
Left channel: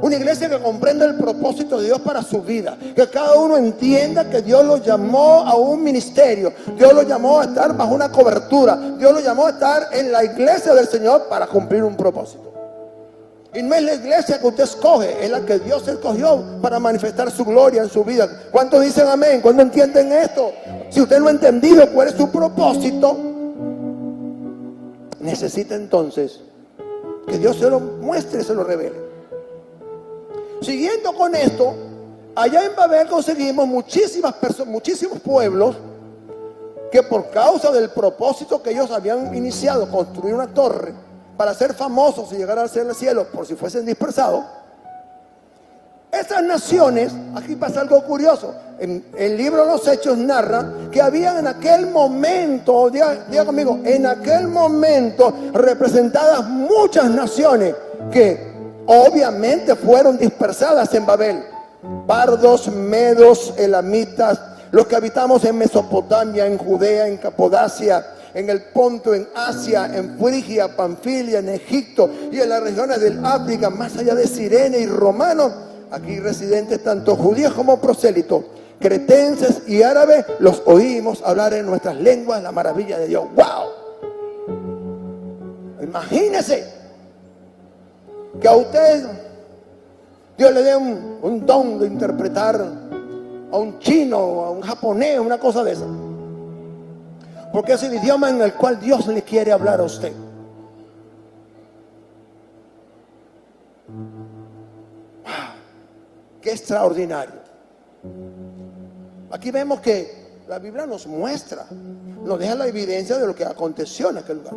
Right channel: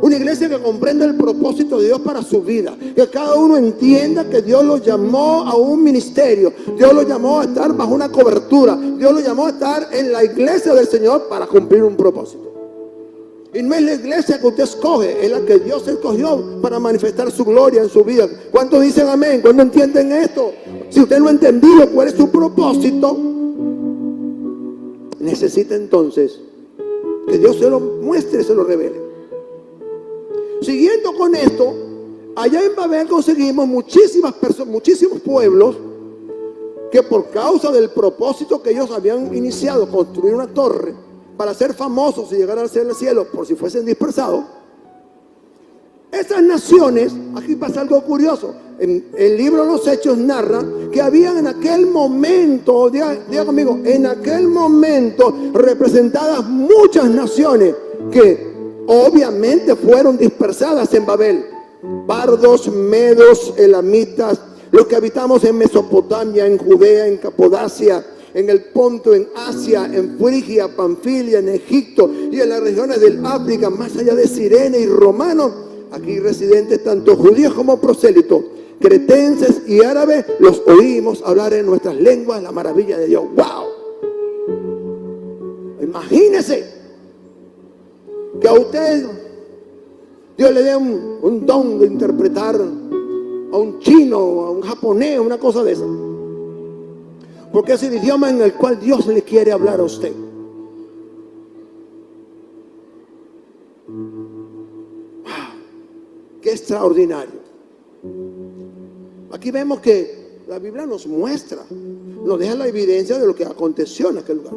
Una iglesia que comprenda el propósito de Dios para su vida. Que cada uno entienda que Dios lo llamó a un ministerio. Dios lo llamó a estar bajo una cobertura. Dios lo llamó a estar en la iglesia del Señor para cumplir un propósito. Y no es la iglesia que usted escoge, es la que Dios escogió para manifestar su gloria en su vida. ¿Cuántos dicen amén? ¿Cuántos entienden esto? Si usted no ha entendido cuál es su propósito, necesita entonces que Dios se lo muestre, se lo revele. Siguiendo con esto, allá en Babel conseguimos muchísimos pueblos que por causa del propósito que ellos habían iniciado, construir una torre para ser famosos y llegar al cielo por si fuesen dispersados. Esas naciones, aquí pasa algo curioso, en el libro de los Hechos narra que había en aquel momento, diga conmigo, en aquel momento representadas muchas naciones que obviamente fueron dispersadas en Babel. Pardos, medos, elamitas, los que habitamos en Mesopotamia, en Judea, en Capodacia, en el Ponto, en Asia, en Frigia, Panfilia, en Egipto y en las regiones del África, más allá de Cirene y romanos, aquí residentes tanto judíos como prosélitos, cretenses y árabes, los oímos hablar en nuestras lenguas la maravilla de Dios. ¡Wow! Imagínese que a usted Dios le dé un don de interpretar a un chino, a un japonés, una cosa de eso. Porque es el idioma en el cual Dios le quiere hablar a usted. ¡Wow! ¡Qué extraordinario! Aquí vemos que la Biblia nos muestra, nos deja la evidencia de lo que aconteció en aquel lugar.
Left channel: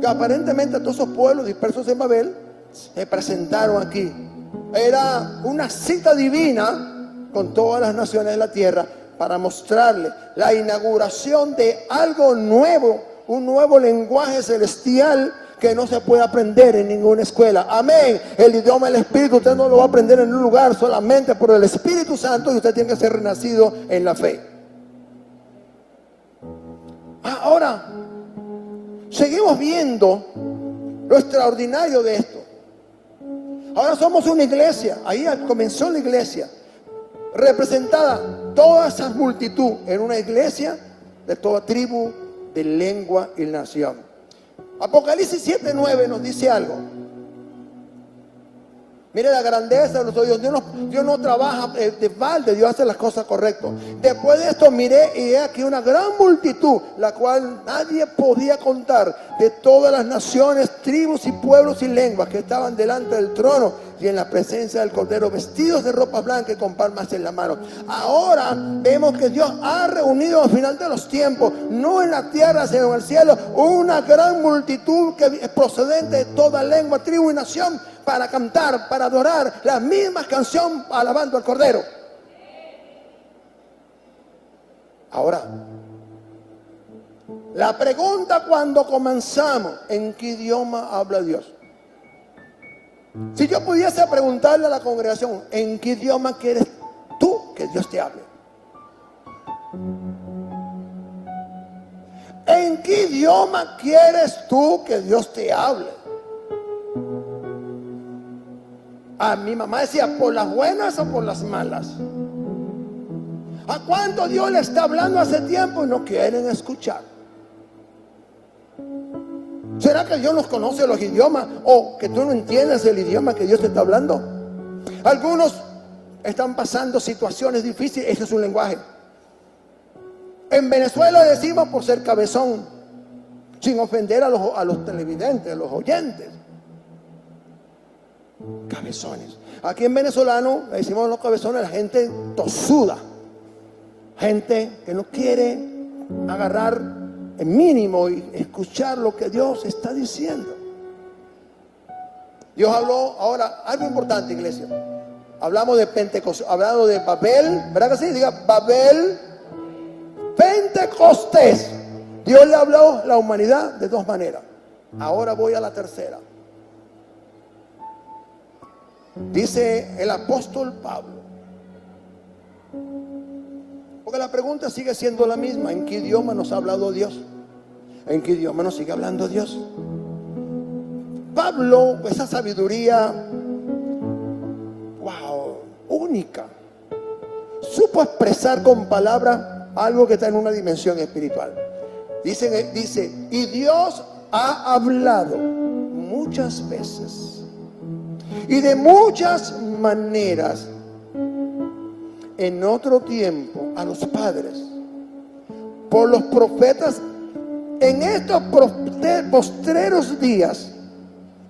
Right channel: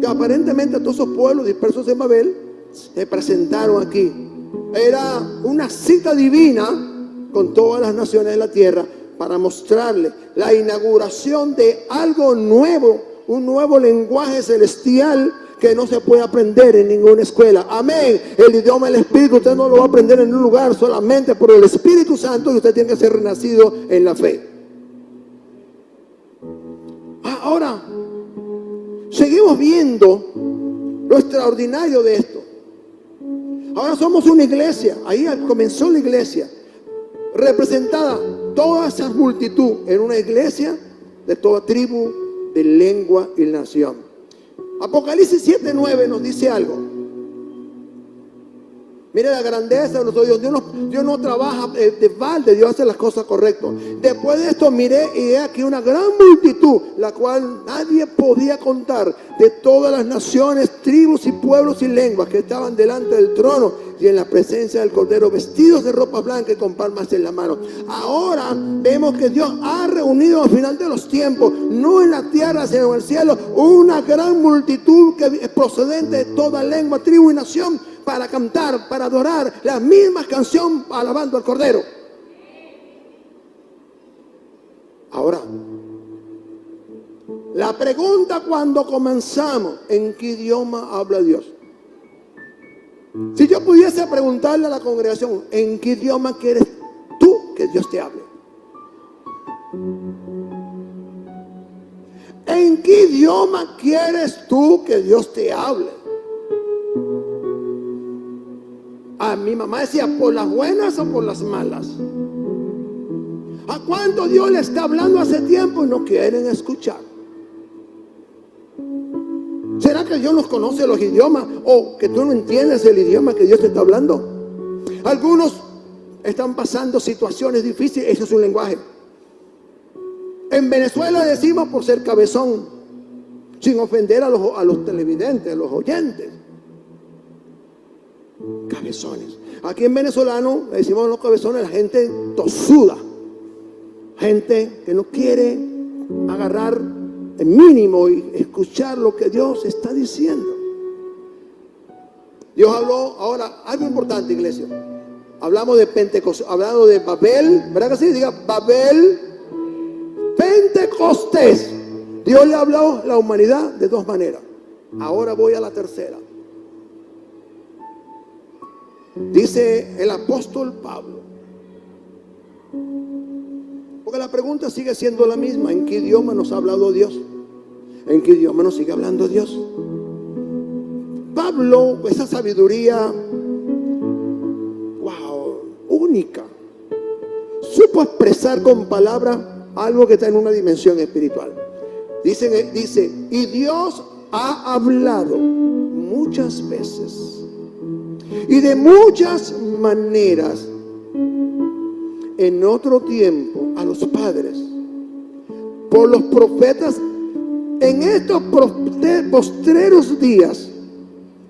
Que aparentemente todos esos pueblos dispersos en Babel se presentaron aquí. Era una cita divina con todas las naciones de la tierra para mostrarle la inauguración de algo nuevo, un nuevo lenguaje celestial que no se puede aprender en ninguna escuela. Amén. El idioma del Espíritu usted no lo va a aprender en un lugar, solamente por el Espíritu Santo, y usted tiene que ser renacido en la fe. Ahora, seguimos viendo lo extraordinario de esto. Ahora somos una iglesia, ahí comenzó la iglesia, representada toda esa multitud en una iglesia de toda tribu, de lengua y nación. Apocalipsis 7:9 nos dice algo. Mire la grandeza de nuestro Dios. Dios no trabaja de balde, Dios hace las cosas correctas. Después de esto miré y he aquí una gran multitud, la cual nadie podía contar, de todas las naciones, tribus y pueblos y lenguas que estaban delante del trono y en la presencia del Cordero, vestidos de ropa blanca y con palmas en la mano. Ahora vemos que Dios ha reunido al final de los tiempos, no en la tierra sino en el cielo, una gran multitud que es procedente de toda lengua, tribu y nación, para cantar, para adorar la misma canción alabando al Cordero. Ahora, la pregunta cuando comenzamos, ¿en qué idioma habla Dios? Si yo pudiese preguntarle a la congregación, ¿en qué idioma quieres tú que Dios te hable? ¿En qué idioma quieres tú que Dios te hable? A mi mamá decía, ¿por las buenas o por las malas? ¿A cuánto Dios le está hablando hace tiempo y no quieren escuchar? ¿Será que Dios nos conoce los idiomas o que tú no entiendes el idioma que Dios te está hablando? Algunos están pasando situaciones difíciles, eso es un lenguaje. En Venezuela decimos por ser cabezón, sin ofender a los televidentes, a los oyentes. Cabezones. Aquí en venezolano le decimos a los cabezones a la gente tosuda, gente que no quiere agarrar el mínimo y escuchar lo que Dios está diciendo. Dios habló ahora algo importante, iglesia. Hablamos de Pentecostés, hablamos de Babel, ¿verdad que sí? Diga Babel, Pentecostés. Dios le habló a la humanidad de dos maneras. Ahora voy a la tercera. Dice el apóstol Pablo, porque la pregunta sigue siendo la misma: ¿en qué idioma nos ha hablado Dios? ¿En qué idioma nos sigue hablando Dios? Pablo, esa sabiduría, wow, única, supo expresar con palabras algo que está en una dimensión espiritual. Dice, y Dios ha hablado muchas veces y de muchas maneras en otro tiempo a los padres por los profetas. En estos postreros días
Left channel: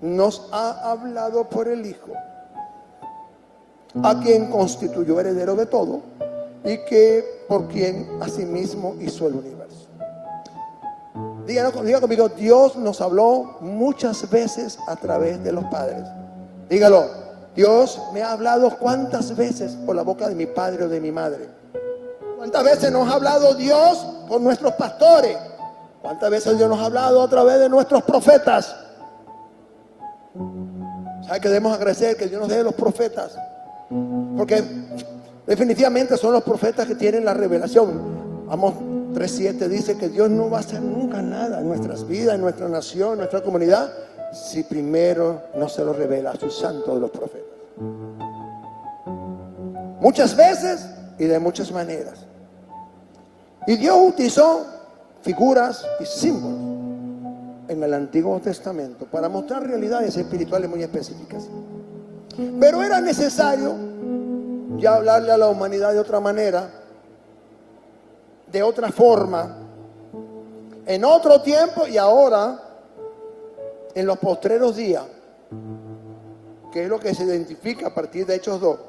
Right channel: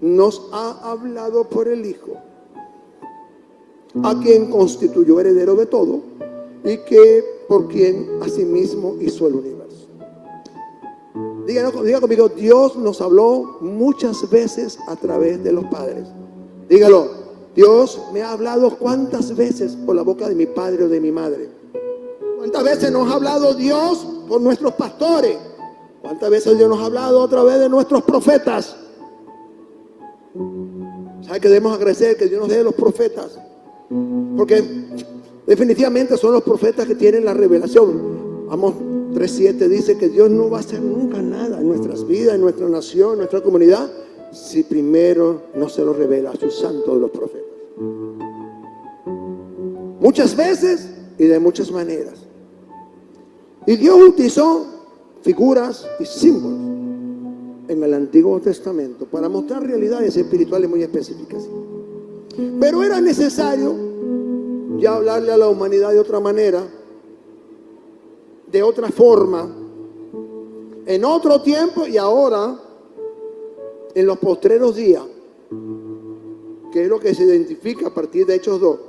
nos ha hablado por el Hijo, a quien constituyó heredero de todo y que por quien asimismo hizo el universo. Diga conmigo, Dios nos habló muchas veces a través de los padres. Dígalo, Dios me ha hablado cuántas veces por la boca de mi padre o de mi madre. ¿Cuántas veces nos ha hablado Dios por nuestros pastores? ¿Cuántas veces Dios nos ha hablado a través de nuestros profetas? ¿Sabe que debemos agradecer que Dios nos dé los profetas? Porque definitivamente son los profetas que tienen la revelación. Amós 3:7 dice que Dios no va a hacer nunca nada en nuestras vidas, en nuestra nación, en nuestra comunidad, si primero no se lo revela a sus santos de los profetas. Muchas veces y de muchas maneras. Y Dios utilizó figuras y símbolos en el Antiguo Testamento para mostrar realidades espirituales muy específicas. Pero era necesario ya hablarle a la humanidad de otra manera, de otra forma, en otro tiempo y ahora, en los postreros días, que es lo que se identifica a partir de Hechos 2.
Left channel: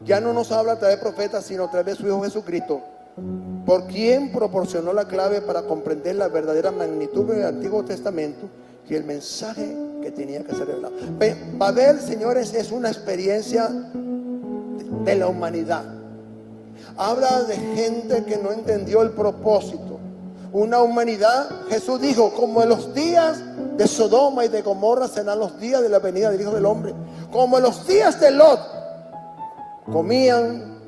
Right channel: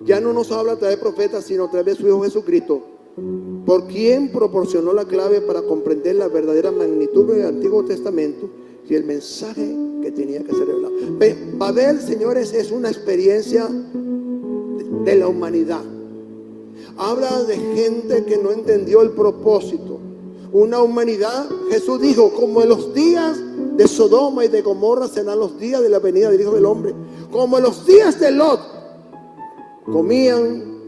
Ya no nos habla a través de profetas, sino a través de su Hijo Jesucristo, por quien proporcionó la clave para comprender la verdadera magnitud del Antiguo Testamento y el mensaje que tenía que ser revelado. Babel, señores, es una experiencia de la humanidad. Habla de gente que no entendió el propósito. Una humanidad, Jesús dijo, como en los días de Sodoma y de Gomorra serán los días de la venida del Hijo del Hombre. Como en los días de Lot, comían,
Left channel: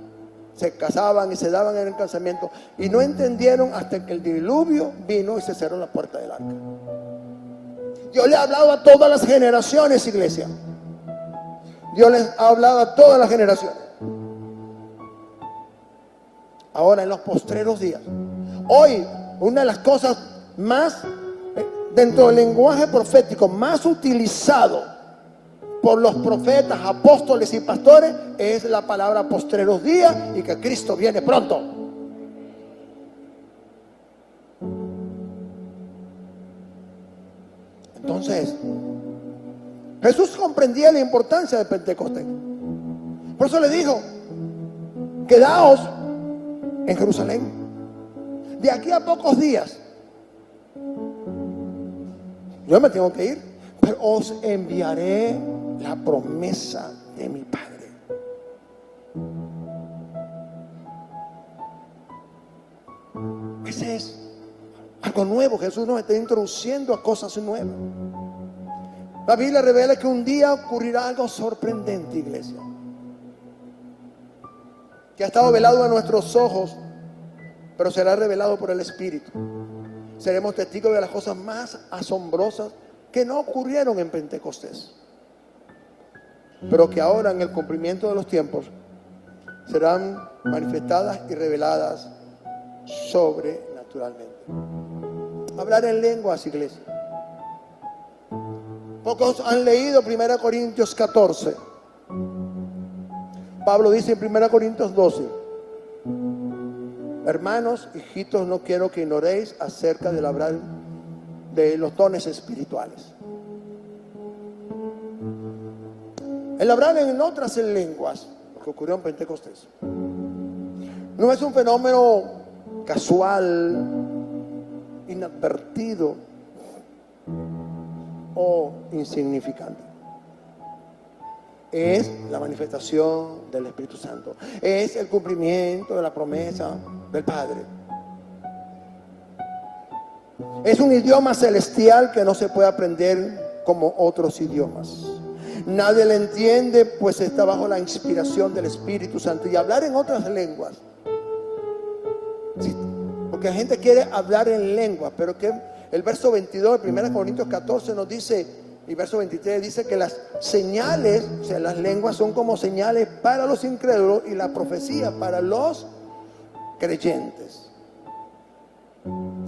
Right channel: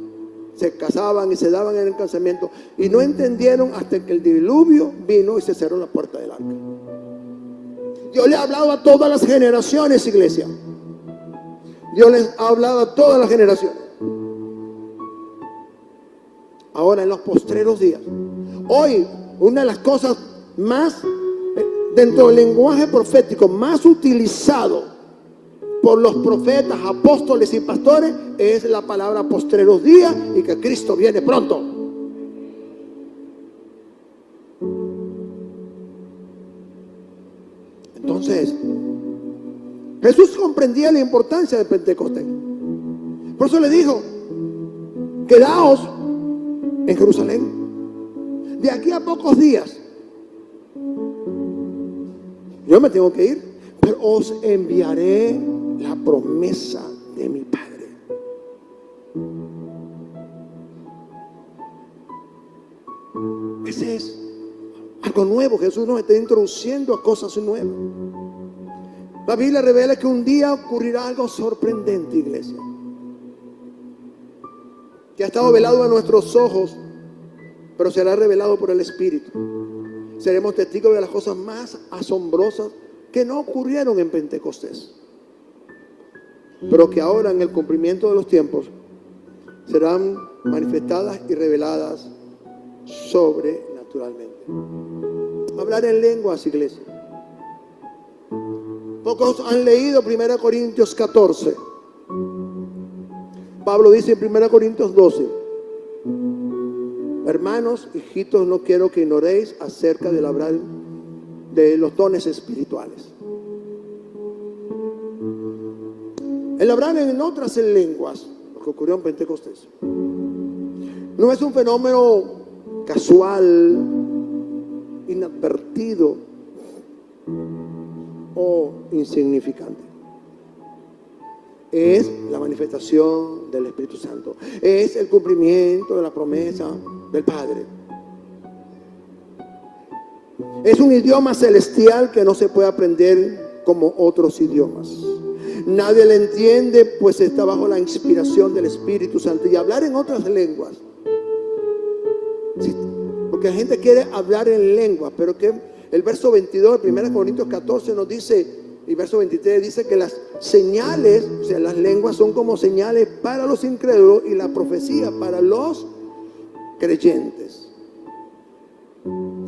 se casaban y se daban en el casamiento, y no entendieron hasta que el diluvio vino y se cerró la puerta del arca. Dios le ha hablado a todas las generaciones, iglesia. Dios les ha hablado a todas las generaciones. Ahora, en los postreros días, hoy, una de las cosas más, dentro del lenguaje profético, más utilizado por los profetas, apóstoles y pastores, es la palabra postreros días y que Cristo viene pronto. Entonces, Jesús comprendía la importancia de Pentecostés. Por eso le dijo: quedaos en Jerusalén. De aquí a pocos días yo me tengo que ir, pero os enviaré la promesa de mi Padre. Ese es algo nuevo. Jesús nos está introduciendo a cosas nuevas. La Biblia revela que un día ocurrirá algo sorprendente, iglesia, que ha estado velado a nuestros ojos, pero será revelado por el Espíritu. Seremos testigos de las cosas más asombrosas que no ocurrieron en Pentecostés, pero que ahora, en el cumplimiento de los tiempos, serán manifestadas y reveladas sobrenaturalmente. Hablar en lenguas, iglesia. Pocos han leído 1 Corintios 14. Pablo dice en 1 Corintios 12: hermanos, hijitos, no quiero que ignoréis acerca del hablar de los dones espirituales. El hablar en otras lenguas, lo que ocurrió en Pentecostés, no es un fenómeno casual, inadvertido o insignificante. Es la manifestación del Espíritu Santo. Es el cumplimiento de la promesa del Padre. Es un idioma celestial que no se puede aprender como otros idiomas. Nadie le entiende, pues está bajo la inspiración del Espíritu Santo. Y hablar en otras lenguas, sí, porque la gente quiere hablar en lengua, pero que el verso 22 de 1 Corintios 14 nos dice, y verso 23 dice que las señales, o sea, las lenguas son como señales para los incrédulos y la profecía para los creyentes.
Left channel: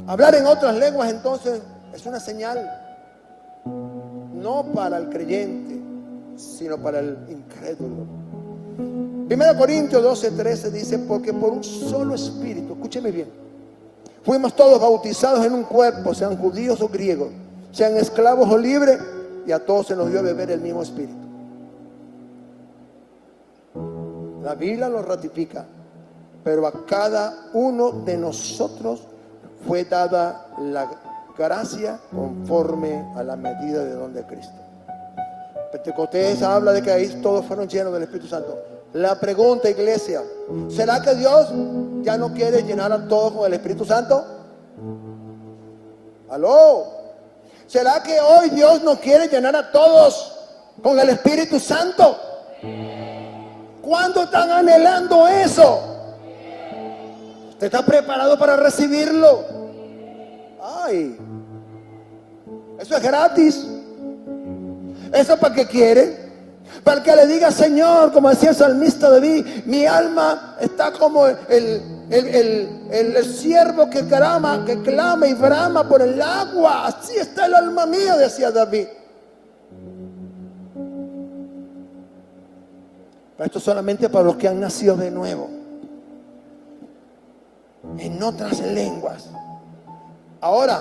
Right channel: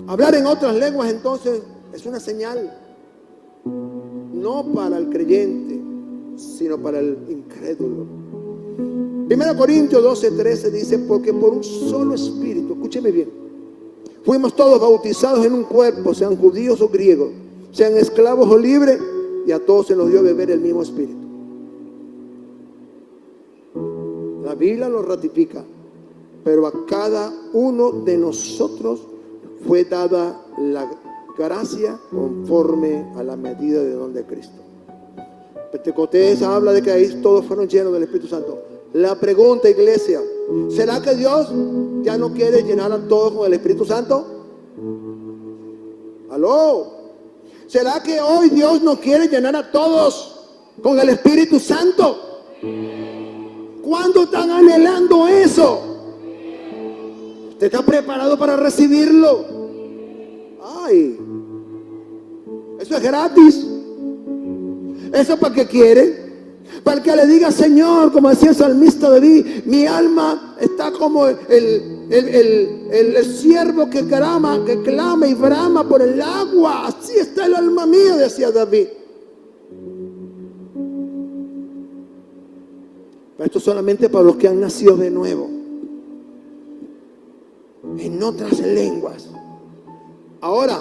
Hablar en otras lenguas entonces es una señal no para el creyente, sino para el incrédulo. 1 Corintios 12:13 dice: porque por un solo espíritu, escúcheme bien, fuimos todos bautizados en un cuerpo, sean judíos o griegos, sean esclavos o libres, y a todos se nos dio a beber el mismo espíritu. La Biblia lo ratifica, pero a cada uno de nosotros fue dada la gracia conforme a la medida de don de Cristo. Pentecostés habla de que ahí todos fueron llenos del Espíritu Santo. La pregunta, iglesia: ¿será que Dios ya no quiere llenar a todos con el Espíritu Santo? ¿Aló? ¿Será que hoy Dios no quiere llenar a todos con el Espíritu Santo? ¿Cuándo están anhelando eso? ¿Usted está preparado para recibirlo? Ay, eso es gratis. ¿Eso para qué quiere? Para el que le diga: Señor, como decía el salmista David, mi alma está como el ciervo que clama y brama por el agua. Así está el alma mía, decía David. Pero esto solamente para los que han nacido de nuevo, en otras lenguas. Ahora,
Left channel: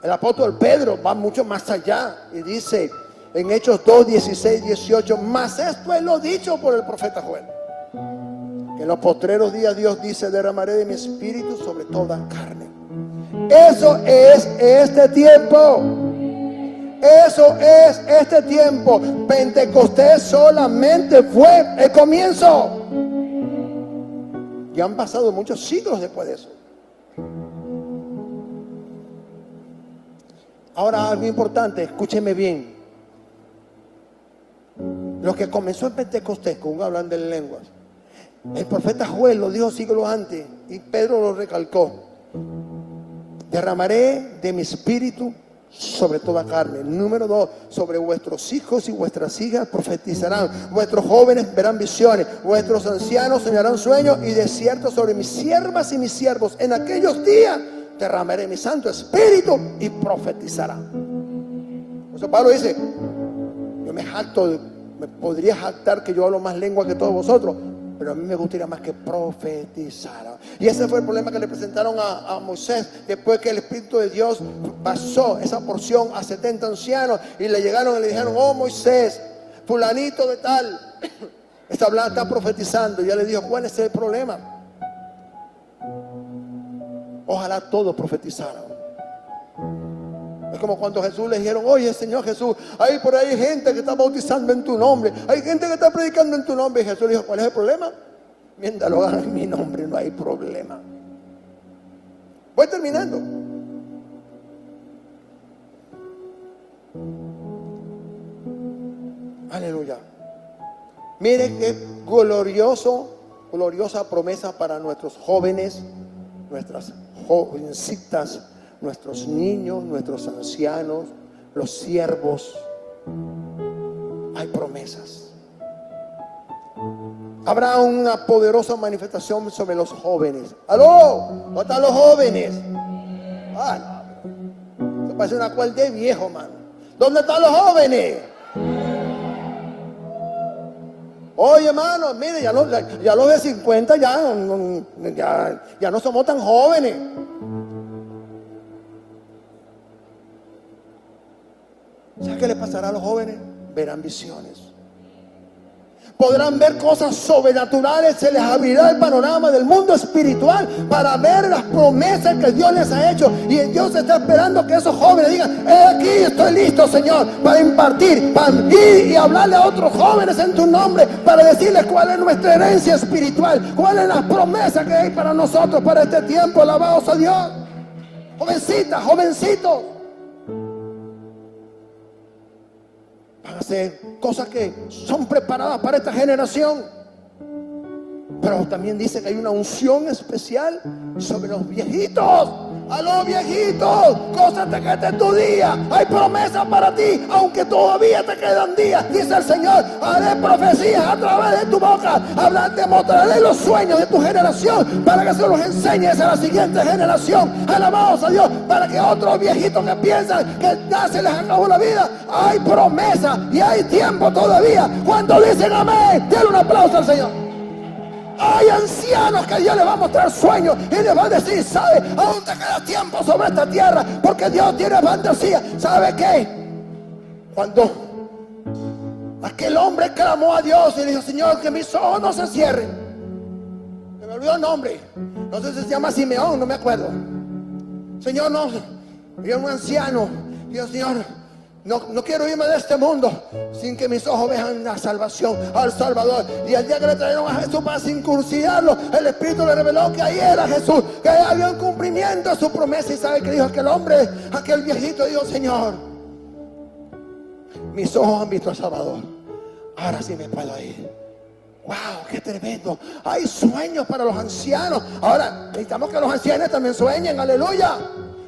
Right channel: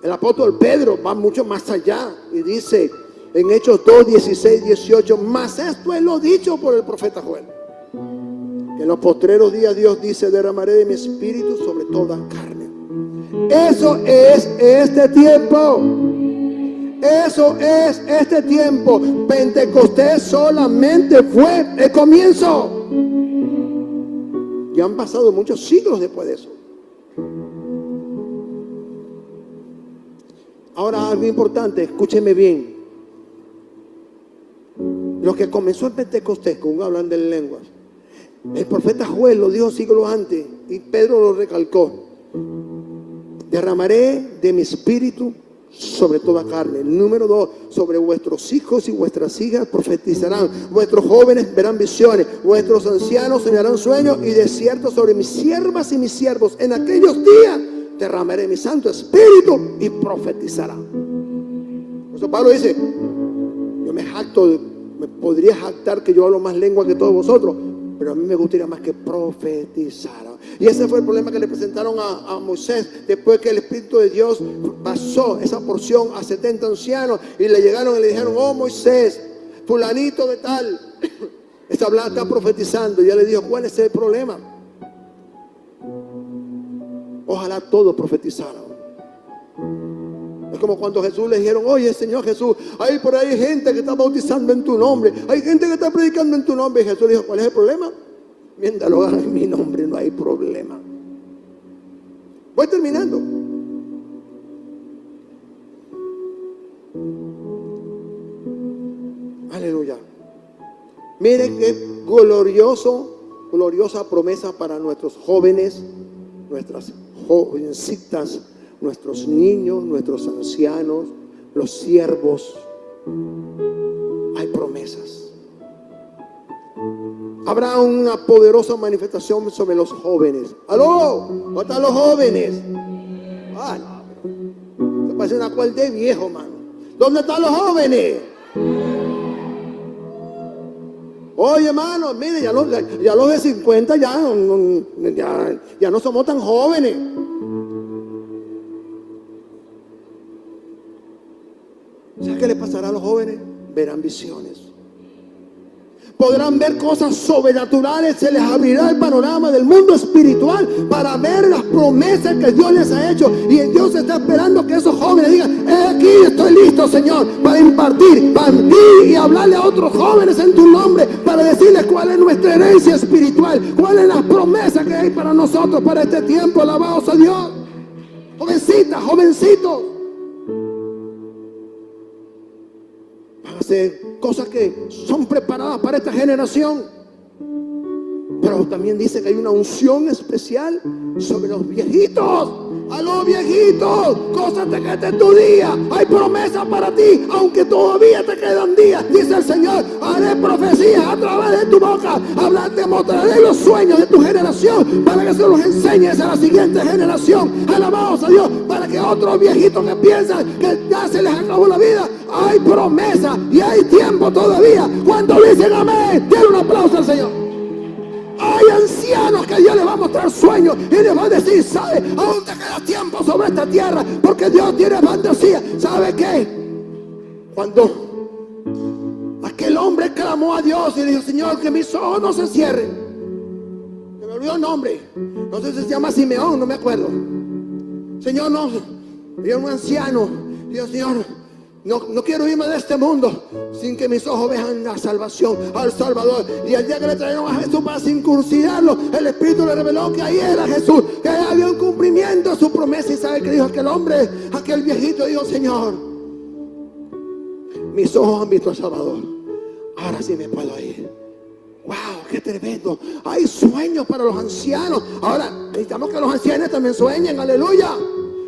el apóstol Pedro va mucho más allá y dice en Hechos 2, 16, 18: mas esto es lo dicho por el profeta Joel, que en los postreros días Dios dice: derramaré de mi espíritu sobre toda carne. Eso es este tiempo. Eso es este tiempo. Pentecostés solamente fue el comienzo. Y han pasado muchos siglos después de eso. Ahora, algo importante, escúcheme bien. Lo que comenzó en Pentecostés, con hablando en lenguas, el profeta Joel lo dijo siglos antes y Pedro lo recalcó: derramaré de mi espíritu sobre toda carne. Número 2, sobre vuestros hijos y vuestras hijas profetizarán, vuestros jóvenes verán visiones, vuestros ancianos soñarán sueños, y de cierto sobre mis siervas y mis siervos en aquellos días derramaré mi santo espíritu y profetizarán. Por eso Pablo dice: yo me jacto podría jactar que yo hablo más lengua que todos vosotros, pero a mí me gustaría más que profetizara. Y ese fue el problema que le presentaron a Moisés, después que el Espíritu de Dios pasó esa porción a 70 ancianos, y le llegaron y le dijeron: oh Moisés, fulanito de tal está profetizando. Y él le dijo: ¿cuál es el problema? Ojalá todos profetizaran. Es como cuando Jesús le dijeron: oye Señor Jesús, hay por ahí gente que está bautizando en tu nombre, hay gente que está predicando en tu nombre. Y Jesús le dijo: ¿cuál es el problema? Mientras lo hagan en mi nombre no hay problema. Voy terminando. Aleluya. Miren qué gloriosa promesa para nuestros jóvenes, nuestras jovencitas, nuestros niños, nuestros ancianos, los siervos. Hay promesas. Habrá una poderosa manifestación sobre los jóvenes. ¡Aló! ¿Dónde están los jóvenes? ¡Ay! Me parece una cual de viejo, mano. ¿Dónde están los jóvenes? Oye, hermano, mire, ya los de 50 ya no somos tan jóvenes. ¿Sabes qué le pasará a los jóvenes? Verán visiones. Podrán ver cosas sobrenaturales. Se les abrirá el panorama del mundo espiritual para ver las promesas que Dios les ha hecho. Y Dios está esperando que esos jóvenes digan: aquí estoy listo, Señor, para impartir, para ir y hablarle a otros jóvenes en tu nombre, para decirles cuál es nuestra herencia espiritual, cuál es la promesa que hay para nosotros para este tiempo. Alabados a Dios. Jovencitas, jovencitos, hacer cosas que son preparadas para esta generación. Pero también dice que hay una unción especial sobre los viejitos. A los viejitos, cosas de que este es tu día. Hay promesas para ti, aunque todavía te quedan días. Dice el Señor: haré profecías a través de tu boca. Te mostraré los sueños de tu generación, para que se los enseñes a la siguiente generación. Alabados a Dios. Para que otros viejitos que piensan que ya se les acabó la vida, hay promesa y hay tiempo todavía. ¿Cuántos dicen amén? Denle un aplauso al Señor. Hay ancianos que Dios les va a mostrar sueños y les va a decir: ¿sabe? Aún te queda tiempo sobre esta tierra, porque Dios tiene fantasía. ¿Sabe qué? Cuando aquel hombre clamó a Dios y dijo: Señor, que mis ojos no se cierren. Se me olvidó el nombre. No sé si se llama Simeón, no me acuerdo. Señor, no. Y un anciano dijo: Señor, no quiero irme de este mundo sin que mis ojos vean la salvación al Salvador. Y el día que le trajeron a Jesús para circuncidarlo, el Espíritu le reveló que ahí era Jesús, que había un cumplimiento de su promesa. Y sabe que dijo aquel hombre, aquel viejito, dijo: Señor, mis ojos han visto al Salvador, ahora sí me puedo ir. ¡Wow! ¡Qué tremendo! Hay sueños para los ancianos. Ahora necesitamos que los ancianos también sueñen. ¡Aleluya!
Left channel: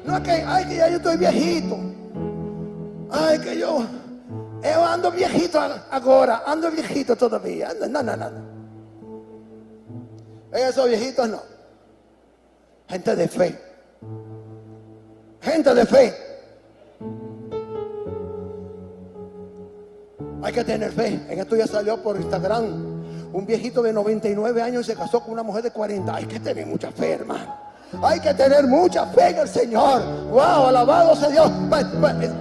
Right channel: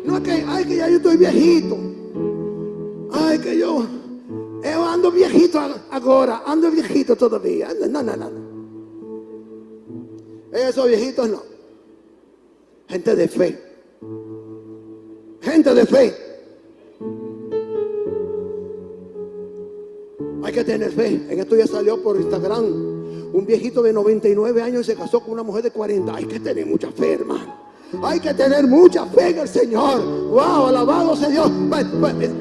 No es que, ay, que ya yo estoy viejito. Ay, que yo ando viejito ahora, ando viejito todavía. No. Esos viejitos no. Gente de fe. Gente de fe. Hay que tener fe. En esto ya salió por Instagram un viejito de 99 años y se casó con una mujer de 40. Hay que tener mucha fe, hermano. Hay que tener mucha fe en el Señor. ¡Wow! Alabado sea Dios.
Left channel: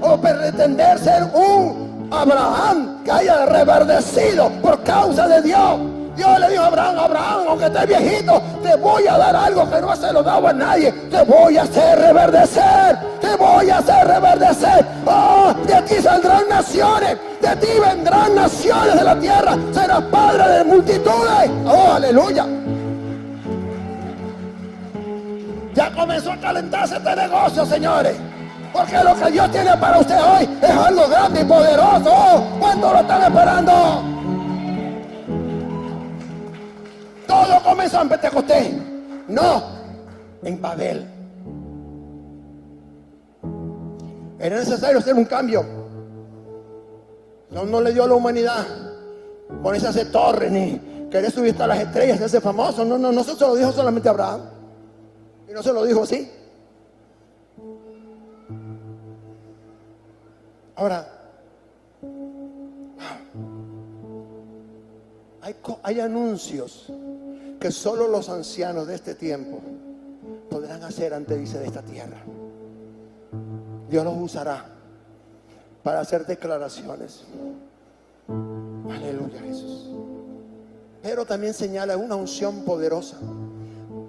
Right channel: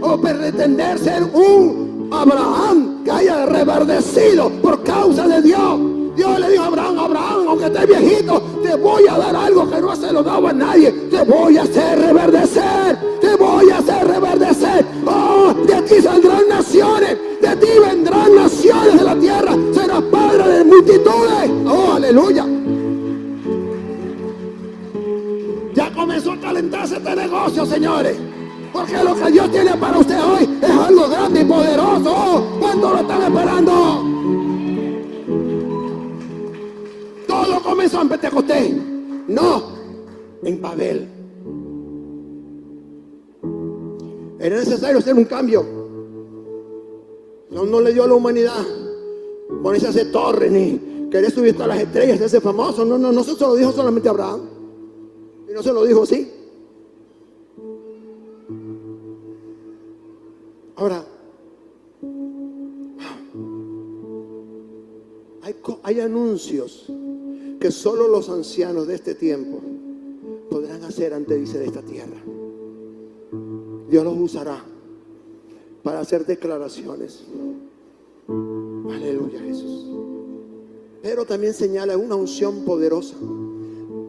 O pretender ser un Abraham que haya reverdecido por causa de Dios. Dios le dijo a Abraham, aunque estés viejito, te voy a dar algo que no se lo daba a nadie. Te voy a hacer reverdecer. Te voy a hacer reverdecer. ¡Oh! De aquí saldrán naciones. De ti vendrán naciones de la tierra. Serás padre de multitudes. ¡Oh! ¡Aleluya! Ya comenzó a calentarse este negocio, señores. Porque lo que Dios tiene para usted hoy es algo grande y poderoso. ¿Cuánto lo están esperando? Todo comenzó en Pentecostés. No, en Babel. Era necesario hacer un cambio. No le dio a la humanidad ponerse a hacer torres ni querer subir hasta las estrellas, hacerse famoso. No se lo dijo solamente a Abraham. Y no se lo dijo así. Ahora, Hay anuncios que solo los ancianos de este tiempo podrán hacer antes de irse de esta tierra. Dios los usará para hacer declaraciones. Aleluya, Jesús. Pero también señala una unción poderosa,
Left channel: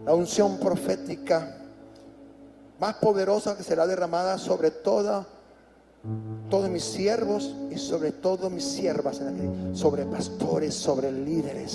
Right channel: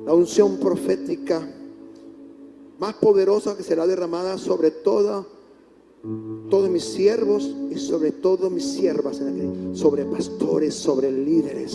la unción profética más poderosa que será derramada sobre todos mis siervos y sobre todo mis siervas, sobre pastores, sobre líderes,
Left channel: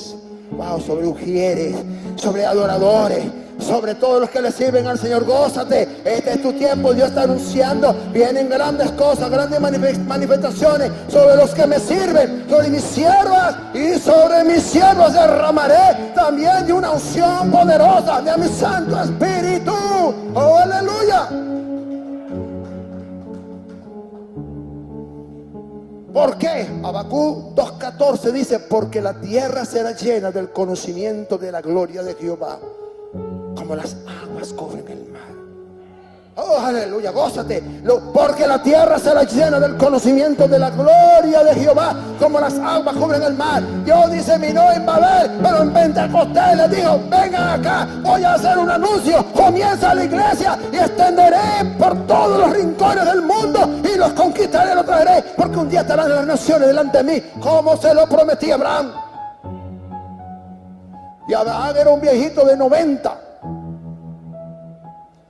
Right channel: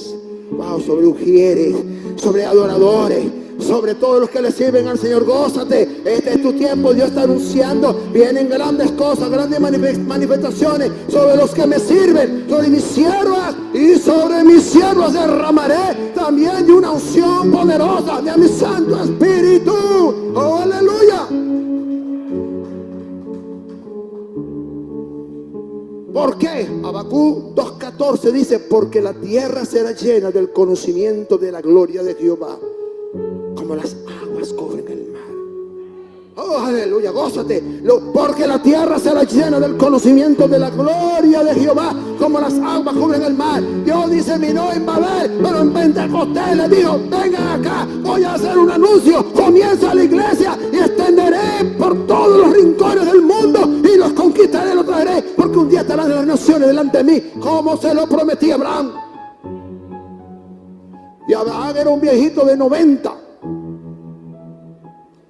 sobre ujieres, sobre adoradores, sobre todos los que le sirven al Señor. Gózate, este es tu tiempo. Dios está anunciando, vienen grandes cosas, grandes manifestaciones sobre los que me sirven, sobre mis siervas y sobre mis siervos derramaré también de una unción poderosa de mi Santo Espíritu. ¡Oh, aleluya! ¿Por qué? Habacuc 2:14 dice, porque la tierra será llena del conocimiento de la gloria de Jehová, como las aguas cubren el mar. Oh, aleluya, gózate. Porque la tierra será llena del conocimiento de la gloria de Jehová, como las aguas cubren el mar. Dios diseminó en Babel, pero en Pentecostés le dijo, vengan acá, voy a hacer un anuncio. Comienza la iglesia y extenderé por todos los rincones del mundo y los conquistaré y los traeré, porque un día estarán las naciones delante de mí, como se lo prometí a Abraham. Y Abraham era un viejito de 90.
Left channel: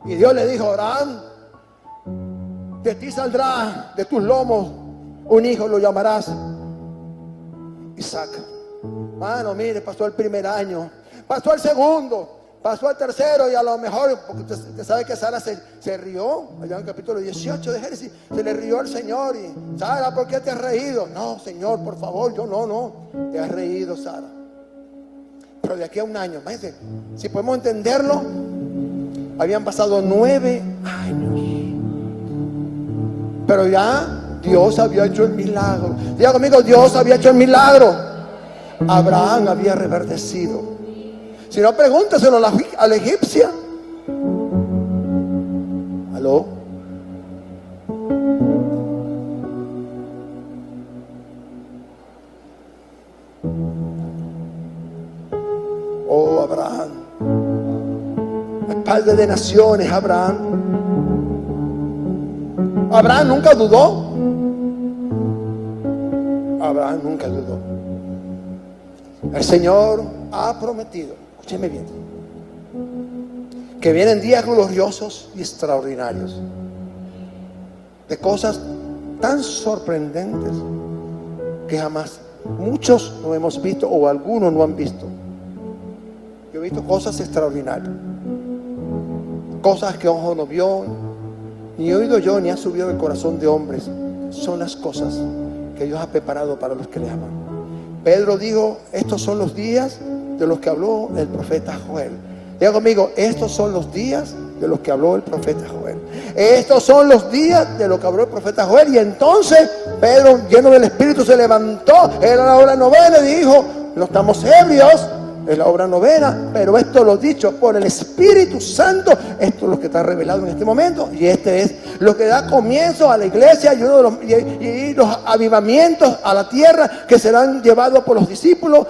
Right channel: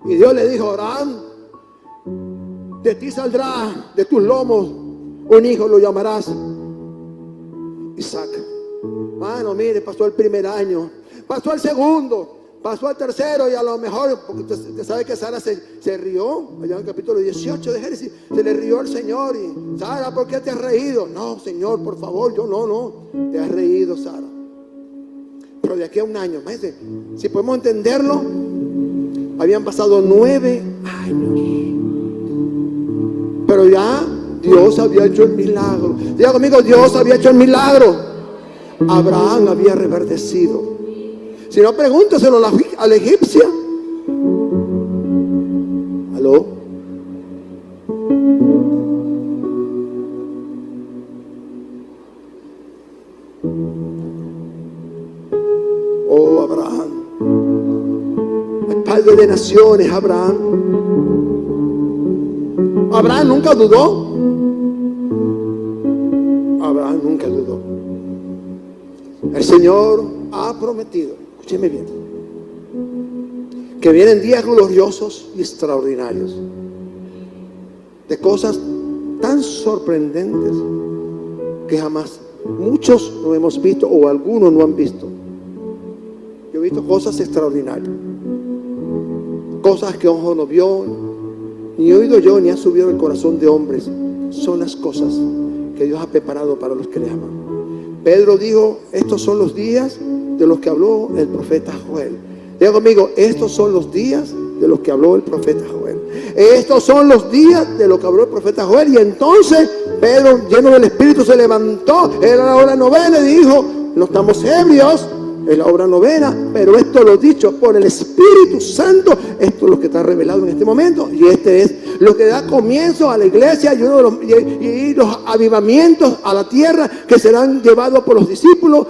Y Dios le dijo, Abraham, de ti saldrá, de tus lomos, un hijo, lo llamarás Isaac. Mano, mire, pasó el primer año, pasó el segundo, pasó el tercero, y a lo mejor, porque usted sabe que Sara se rió, allá en el capítulo 18 de Génesis, se le rió al Señor. Y Sara, ¿por qué te has reído? No, Señor, por favor, yo no, te has reído, Sara. Pero de aquí a un año, imagínate, si podemos entenderlo, habían pasado 9 años. Pero ya Dios había hecho el milagro. Diga conmigo, Dios había hecho el milagro. Abraham había reverdecido. Si no, pregúnteselo a la egipcia. ¿Aló? Oh, Abraham. Padre de naciones, Abraham. Abraham nunca dudó. Abraham nunca dudó. El Señor ha prometido, escúcheme bien, que vienen días gloriosos y extraordinarios, de cosas tan sorprendentes que jamás muchos no hemos visto o algunos no han visto. Yo he visto cosas extraordinarias, cosas que ojo no vio, ni oído yo, ni ha subido el corazón de hombres. Son las cosas que Dios ha preparado para los que le aman. Pedro dijo, estos son los días de los que habló el profeta Joel. Diga conmigo, estos son los días de los que habló el profeta Joel. Estos son los días de los que habló el profeta Joel. Y entonces Pedro, lleno del Espíritu, se levantó, era la hora novena, y dijo, no estamos ebrios, es la hora novena, pero esto lo dicho por el Espíritu Santo. Esto es lo que está revelado en este momento, y este es lo que da comienzo a la iglesia y los avivamientos a la tierra que serán llevados por los discípulos.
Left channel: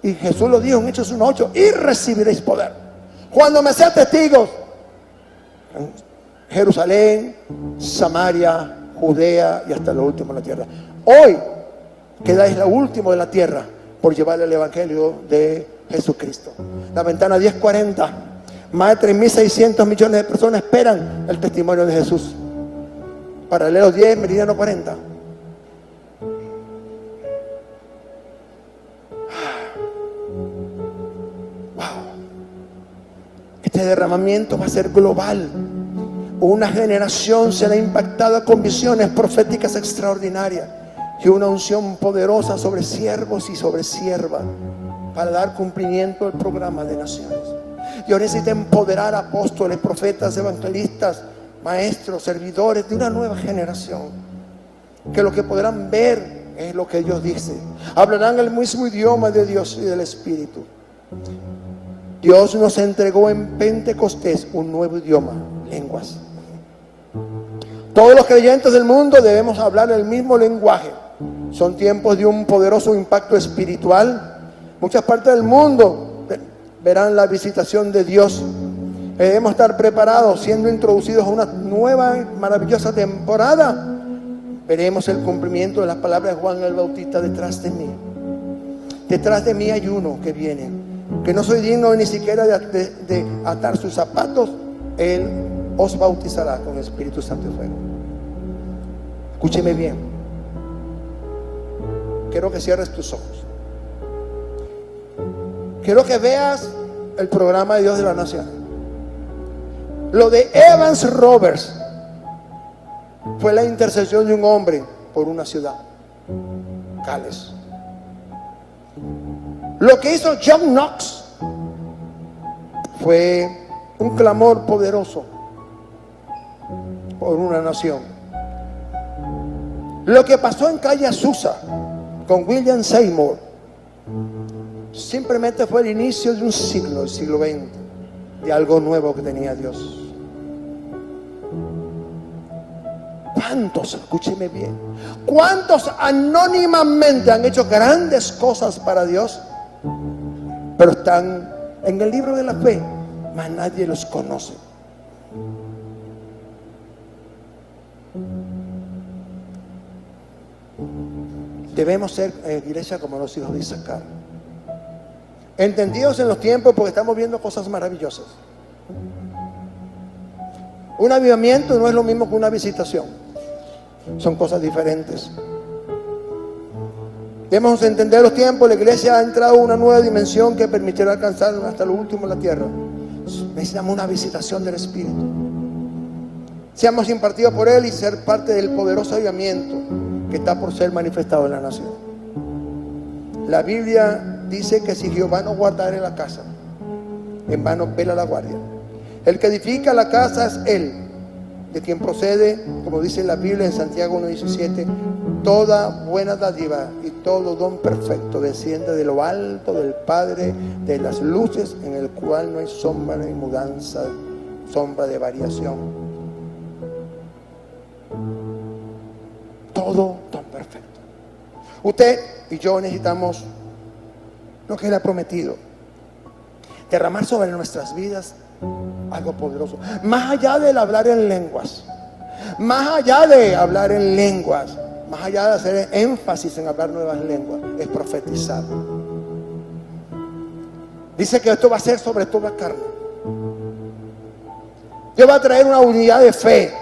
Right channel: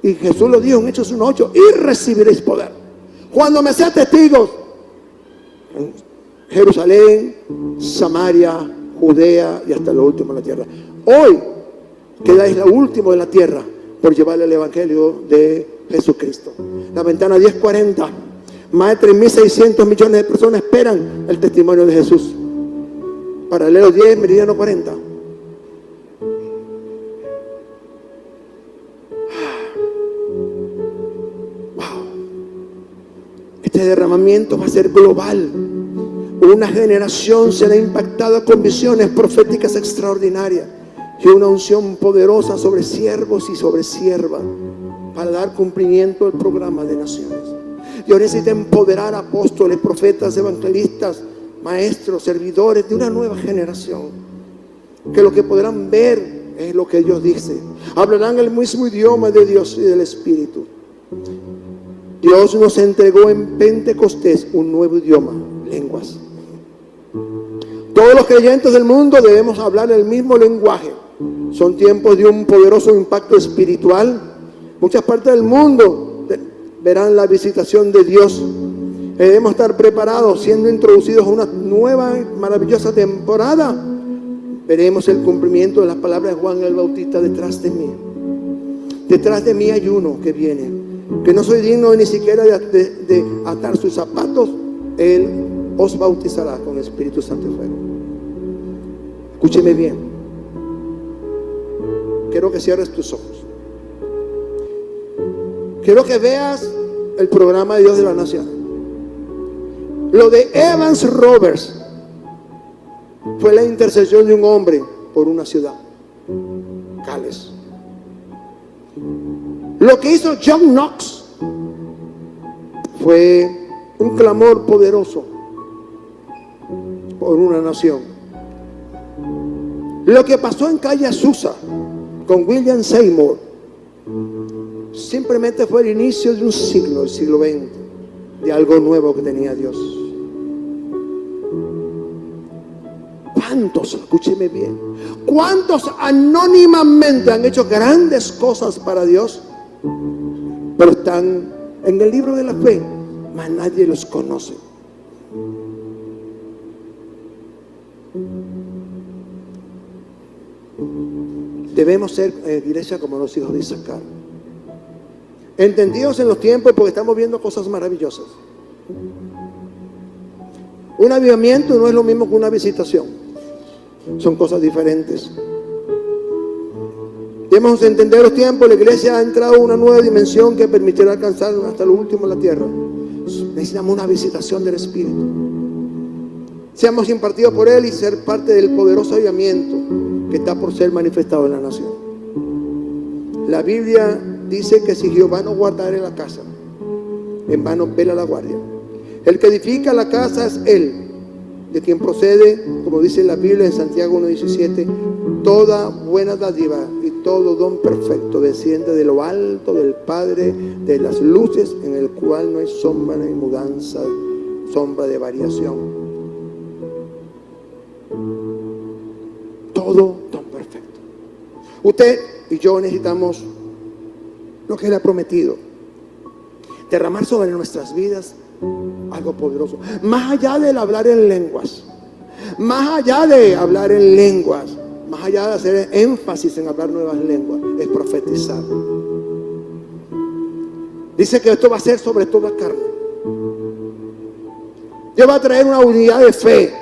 Y Jesús lo dijo en Hechos 1:8, y recibiréis poder cuando me sean testigos en Jerusalén, Samaria, Judea y hasta lo último de la tierra. Hoy quedáis lo último de la tierra por llevar el evangelio de Jesucristo. La ventana 1040, más de 3.600 millones de personas esperan el testimonio de Jesús. Paralelo 10, meridiano 40. Wow. Este derramamiento va a ser global. Una generación será impactada con visiones proféticas extraordinarias y una unción poderosa sobre siervos y sobre siervas para dar cumplimiento al programa de naciones. Dios necesita empoderar a apóstoles, profetas, evangelistas, maestros, servidores de una nueva generación, que lo que podrán ver es lo que Dios dice. Hablarán el mismo idioma de Dios y del Espíritu. Dios nos entregó en Pentecostés un nuevo idioma, lenguas. Todos los creyentes del mundo debemos hablar el mismo lenguaje. Son tiempos de un poderoso impacto espiritual Muchas partes del mundo verán la visitación de Dios. Debemos estar preparados, siendo introducidos a una nueva maravillosa temporada. Veremos el cumplimiento de las palabras de Juan el Bautista: detrás de mí hay uno que viene, que no soy digno ni siquiera de atar sus zapatos. Él os bautizará con el Espíritu Santo y fuego. Escúcheme bien. Quiero que cierres tus ojos. Quiero que veas el programa de Dios de la Nación. Lo de Evans Roberts fue la intercesión de un hombre por una ciudad, Gales. Lo que hizo John Knox fue un clamor poderoso por una nación. Lo que pasó en Calle Azusa con William Seymour simplemente fue el inicio de un siglo, el siglo XX, de algo nuevo que tenía Dios. ¿Cuántos, escúcheme bien, cuántos anónimamente han hecho grandes cosas para Dios, pero están en el libro de la fe, mas nadie los conoce? Debemos ser iglesia como los hijos de Isaacar, entendidos en los tiempos, porque estamos viendo cosas maravillosas. Un avivamiento no es lo mismo que una visitación. Son cosas diferentes. Debemos entender los tiempos. La iglesia ha entrado a una nueva dimensión que permitirá alcanzar hasta lo último en la tierra. Necesitamos una visitación del Espíritu. Seamos impartidos por Él y ser parte del poderoso avivamiento que está por ser manifestado en la nación. La Biblia dice que si Jehová no guardare la casa, en vano vela la guardia. El que edifica la casa es Él, de quien procede, como dice la Biblia en Santiago 1:17, toda buena dádiva y todo don perfecto desciende de lo alto del Padre de las luces, en el cual no hay sombra de mudanza, sombra de variación. Todo don perfecto. Usted y yo necesitamos lo que Él ha prometido: derramar sobre nuestras vidas algo poderoso, más allá del hablar en lenguas, más allá de hablar en lenguas, más allá de hacer énfasis en hablar nuevas lenguas, es profetizar. Dice que esto va a ser sobre toda carne. Dios va a traer una unidad de fe.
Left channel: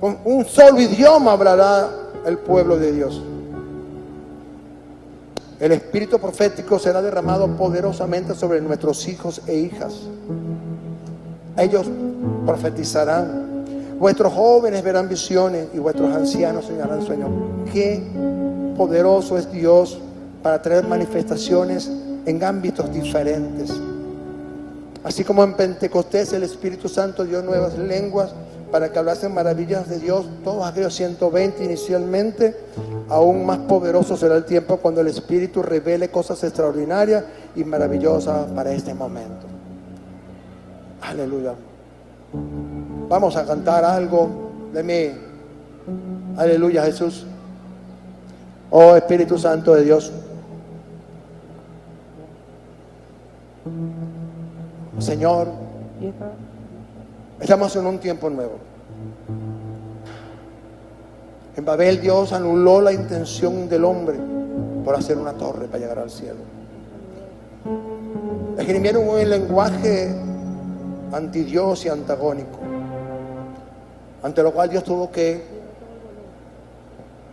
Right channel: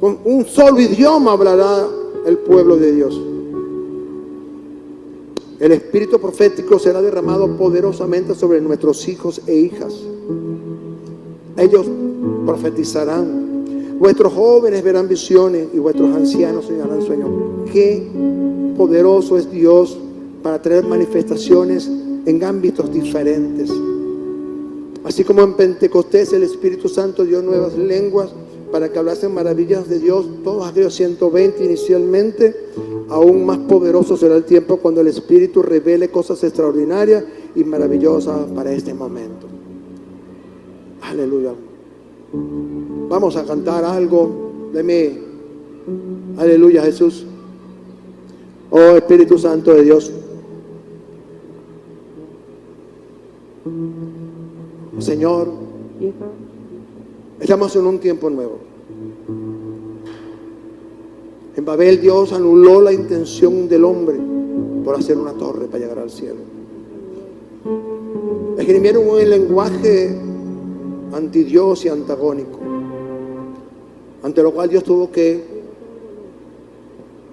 Con un solo idioma hablará el pueblo de Dios. El espíritu profético será derramado poderosamente sobre nuestros hijos e hijas. Ellos profetizarán. Vuestros jóvenes verán visiones y vuestros ancianos soñarán sueños. Qué poderoso es Dios para traer manifestaciones en ámbitos diferentes. Así como en Pentecostés el Espíritu Santo dio nuevas lenguas para que hablasen maravillas de Dios, todos aquellos 120 inicialmente, aún más poderoso será el tiempo cuando el Espíritu revele cosas extraordinarias y maravillosas para este momento. Aleluya. Vamos a cantar algo de mí. Aleluya, Jesús. Oh Espíritu Santo de Dios. Señor, estamos en un tiempo nuevo. En Babel Dios anuló la intención del hombre por hacer una torre para llegar al cielo. Escribieron un lenguaje antidios y antagónico, ante lo cual Dios tuvo que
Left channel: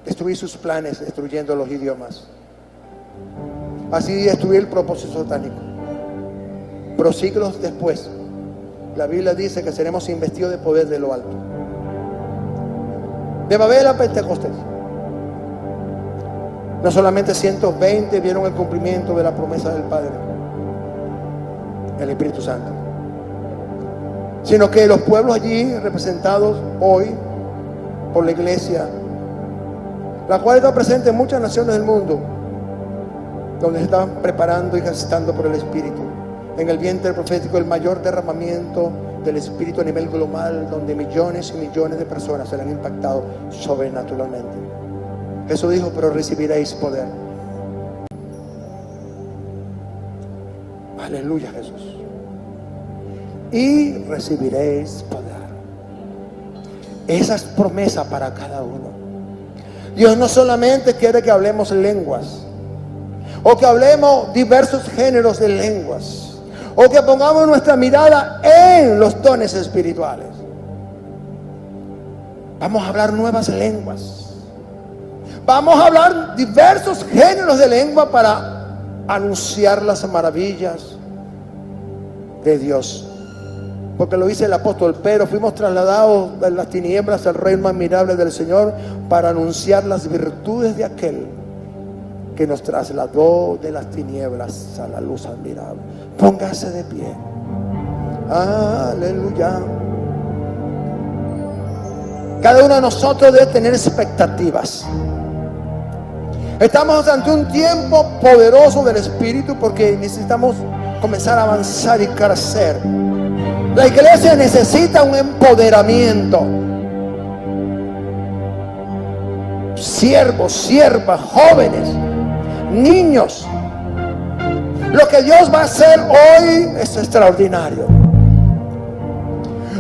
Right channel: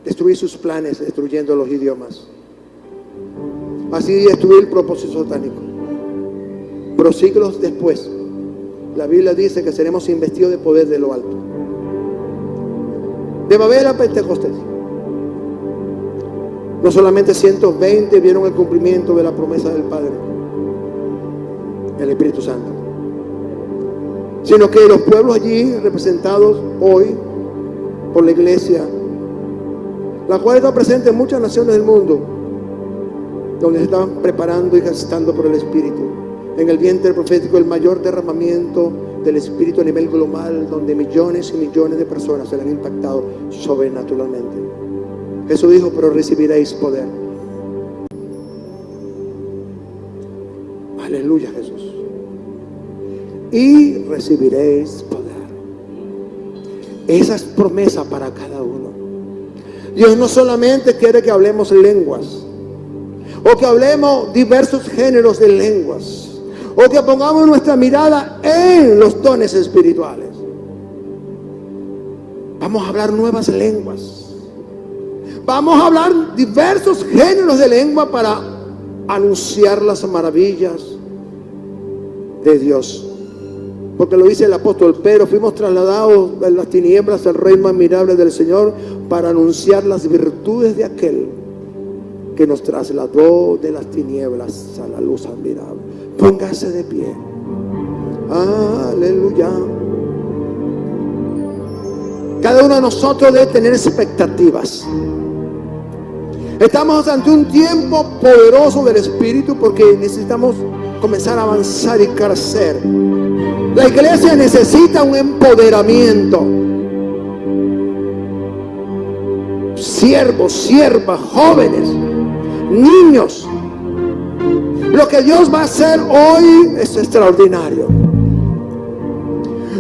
destruir sus planes, destruyendo los idiomas. Así destruyó el propósito satánico. Pero siglos después, la Biblia dice que seremos investidos de poder de lo alto. De Babel a Pentecostés, no solamente 120 vieron el cumplimiento de la promesa del Padre, el Espíritu Santo, sino que los pueblos allí representados hoy por la iglesia, la cual está presente en muchas naciones del mundo, donde se están preparando y gestando por el Espíritu. En el vientre profético, el mayor derramamiento del Espíritu a nivel global, donde millones y millones de personas serán impactados sobrenaturalmente. Jesús dijo, pero recibiréis poder. Aleluya, Jesús. Y recibiréis poder. Esa es promesa para cada uno. Dios no solamente quiere que hablemos lenguas, o que hablemos diversos géneros de lenguas, o que pongamos nuestra mirada en los dones espirituales. Vamos a hablar nuevas lenguas. Vamos a hablar diversos géneros de lengua para anunciar las maravillas de Dios. Porque lo dice el apóstol, pero fuimos trasladados de las tinieblas al reino admirable del Señor para anunciar las virtudes de aquel que nos trasladó de las tinieblas a la luz admirable. Póngase de pie. Aleluya. Cada uno de nosotros debe tener expectativas. Estamos ante un tiempo poderoso del Espíritu porque necesitamos comenzar a avanzar y crecer. La iglesia necesita un empoderamiento. Siervos, siervas, jóvenes, niños. Lo que Dios va a hacer hoy es extraordinario.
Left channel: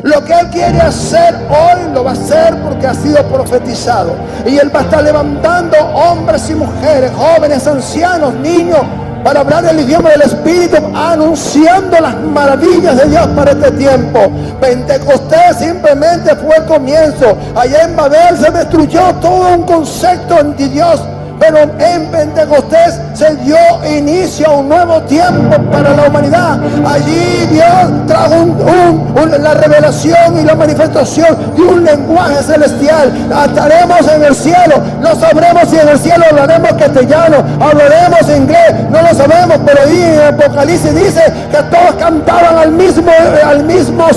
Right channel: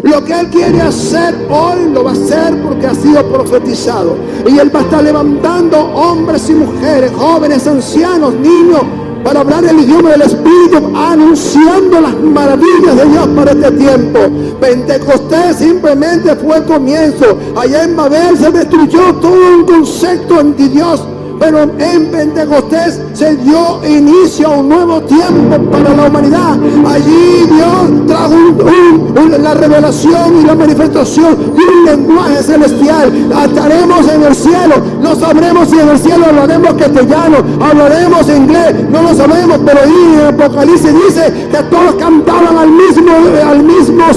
Lo que Él quiere hacer hoy lo va a hacer porque ha sido profetizado. Y Él va a estar levantando hombres y mujeres, jóvenes, ancianos, niños, para hablar el idioma del Espíritu, anunciando las maravillas de Dios para este tiempo. Pentecostés simplemente fue el comienzo. Allá en Babel se destruyó todo un concepto de Dios, pero en Pentecostés se dio inicio a un nuevo tiempo para la humanidad. Allí Dios trajo la revelación y la manifestación de un lenguaje celestial. Estaremos en el cielo, no sabremos si en el cielo hablaremos castellano, hablaremos inglés, no lo sabemos, pero ahí en Apocalipsis dice que todos cantaban al mismo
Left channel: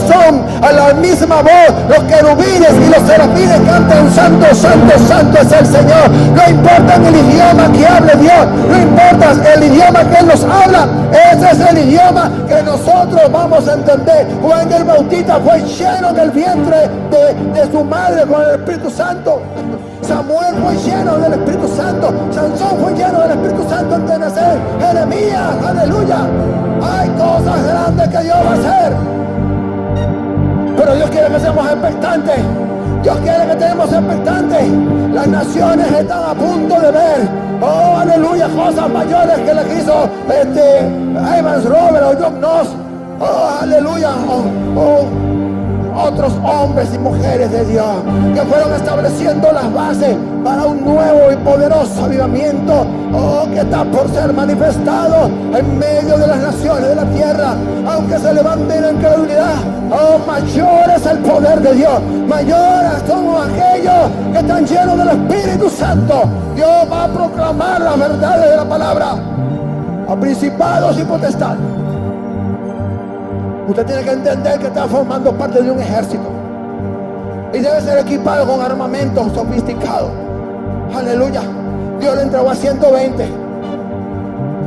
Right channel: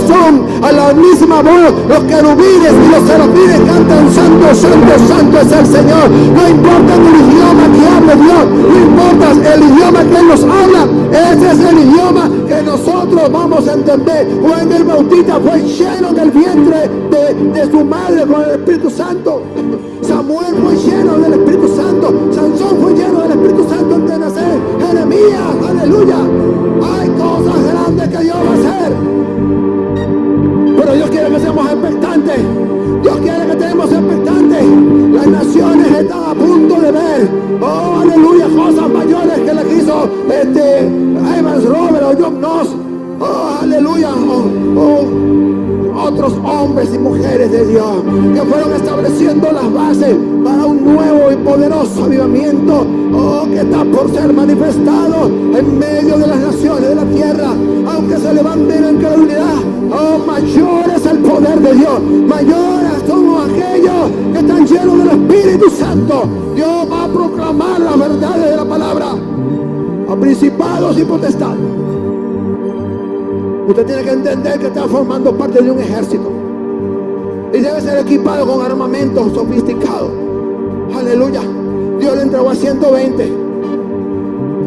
son, a la misma voz. Los querubines y los serafines cantan santo, santo, santo es el Señor. No importa el idioma que hable Dios, no importa el idioma que Él nos habla, ese es el idioma que nosotros vamos a entender. Juan el Bautista fue lleno del vientre de su madre con el Espíritu Santo. Samuel fue lleno del Espíritu Santo. Sansón fue lleno del Espíritu Santo antes de nacer. Jeremías, aleluya. Hay cosas grandes que Dios va a hacer. Pero Dios quiere que seamos expectantes. Dios quiere que estemos expectantes. Las naciones están a punto de ver, oh aleluya, cosas mayores que le hizo Evans Robert o John Knox, oh aleluya, otros hombres y mujeres de Dios que fueron estableciendo las bases para un nuevo y poderoso avivamiento, oh, que está por ser manifestado en medio de las naciones de la tierra. Aunque se levanten en incredulidad, oh, mayor es el poder de Dios, mayores son aquellos que están llenos del Espíritu Santo. Dios va a proclamar la verdad de la palabra a principados y potestades. Usted tiene que entender que está formando parte de un ejército y debe ser equipado con armamento sofisticado. Aleluya. Dios le entregó a 120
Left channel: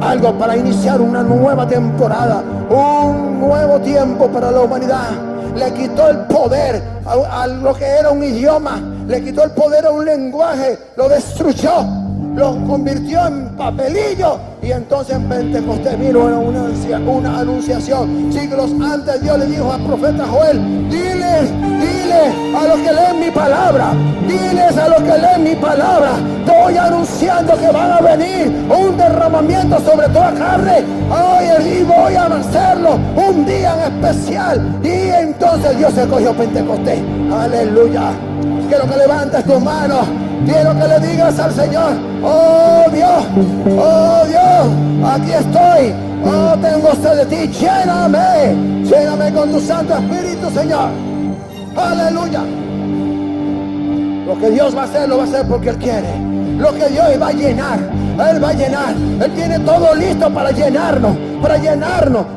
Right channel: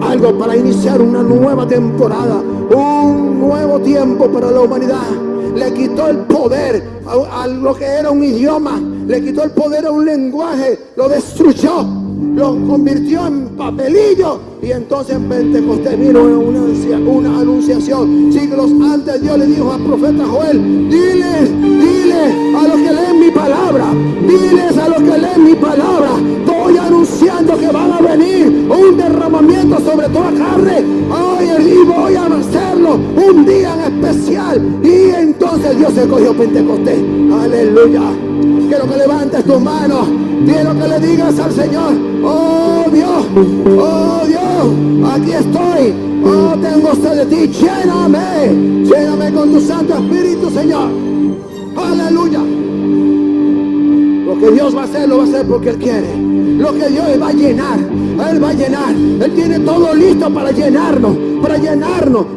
algo para iniciar una nueva temporada, un nuevo tiempo para la humanidad. Le quitó el poder a lo que era un idioma, le quitó el poder a un lenguaje, lo destruyó, lo convirtió en papelillo. Y entonces en Pentecostés vino una anunciación. Siglos antes Dios le dijo al profeta Joel, dile a los que leen mi palabra, diles a los que leen mi palabra, estoy anunciando que van a venir un derramamiento sobre toda carne, y voy a hacerlo un día en especial. Y entonces Dios se cogió Pentecostés. Aleluya. Quiero que levantes tus manos, quiero que le digas al Señor, oh Dios, aquí estoy, oh, tengo sed de ti, lléname con tu Santo Espíritu, Señor. Aleluya. Lo que Dios va a hacer, lo va a hacer porque Él quiere. Lo que Dios va a llenar, Él va a llenar. Él tiene todo listo para llenarnos,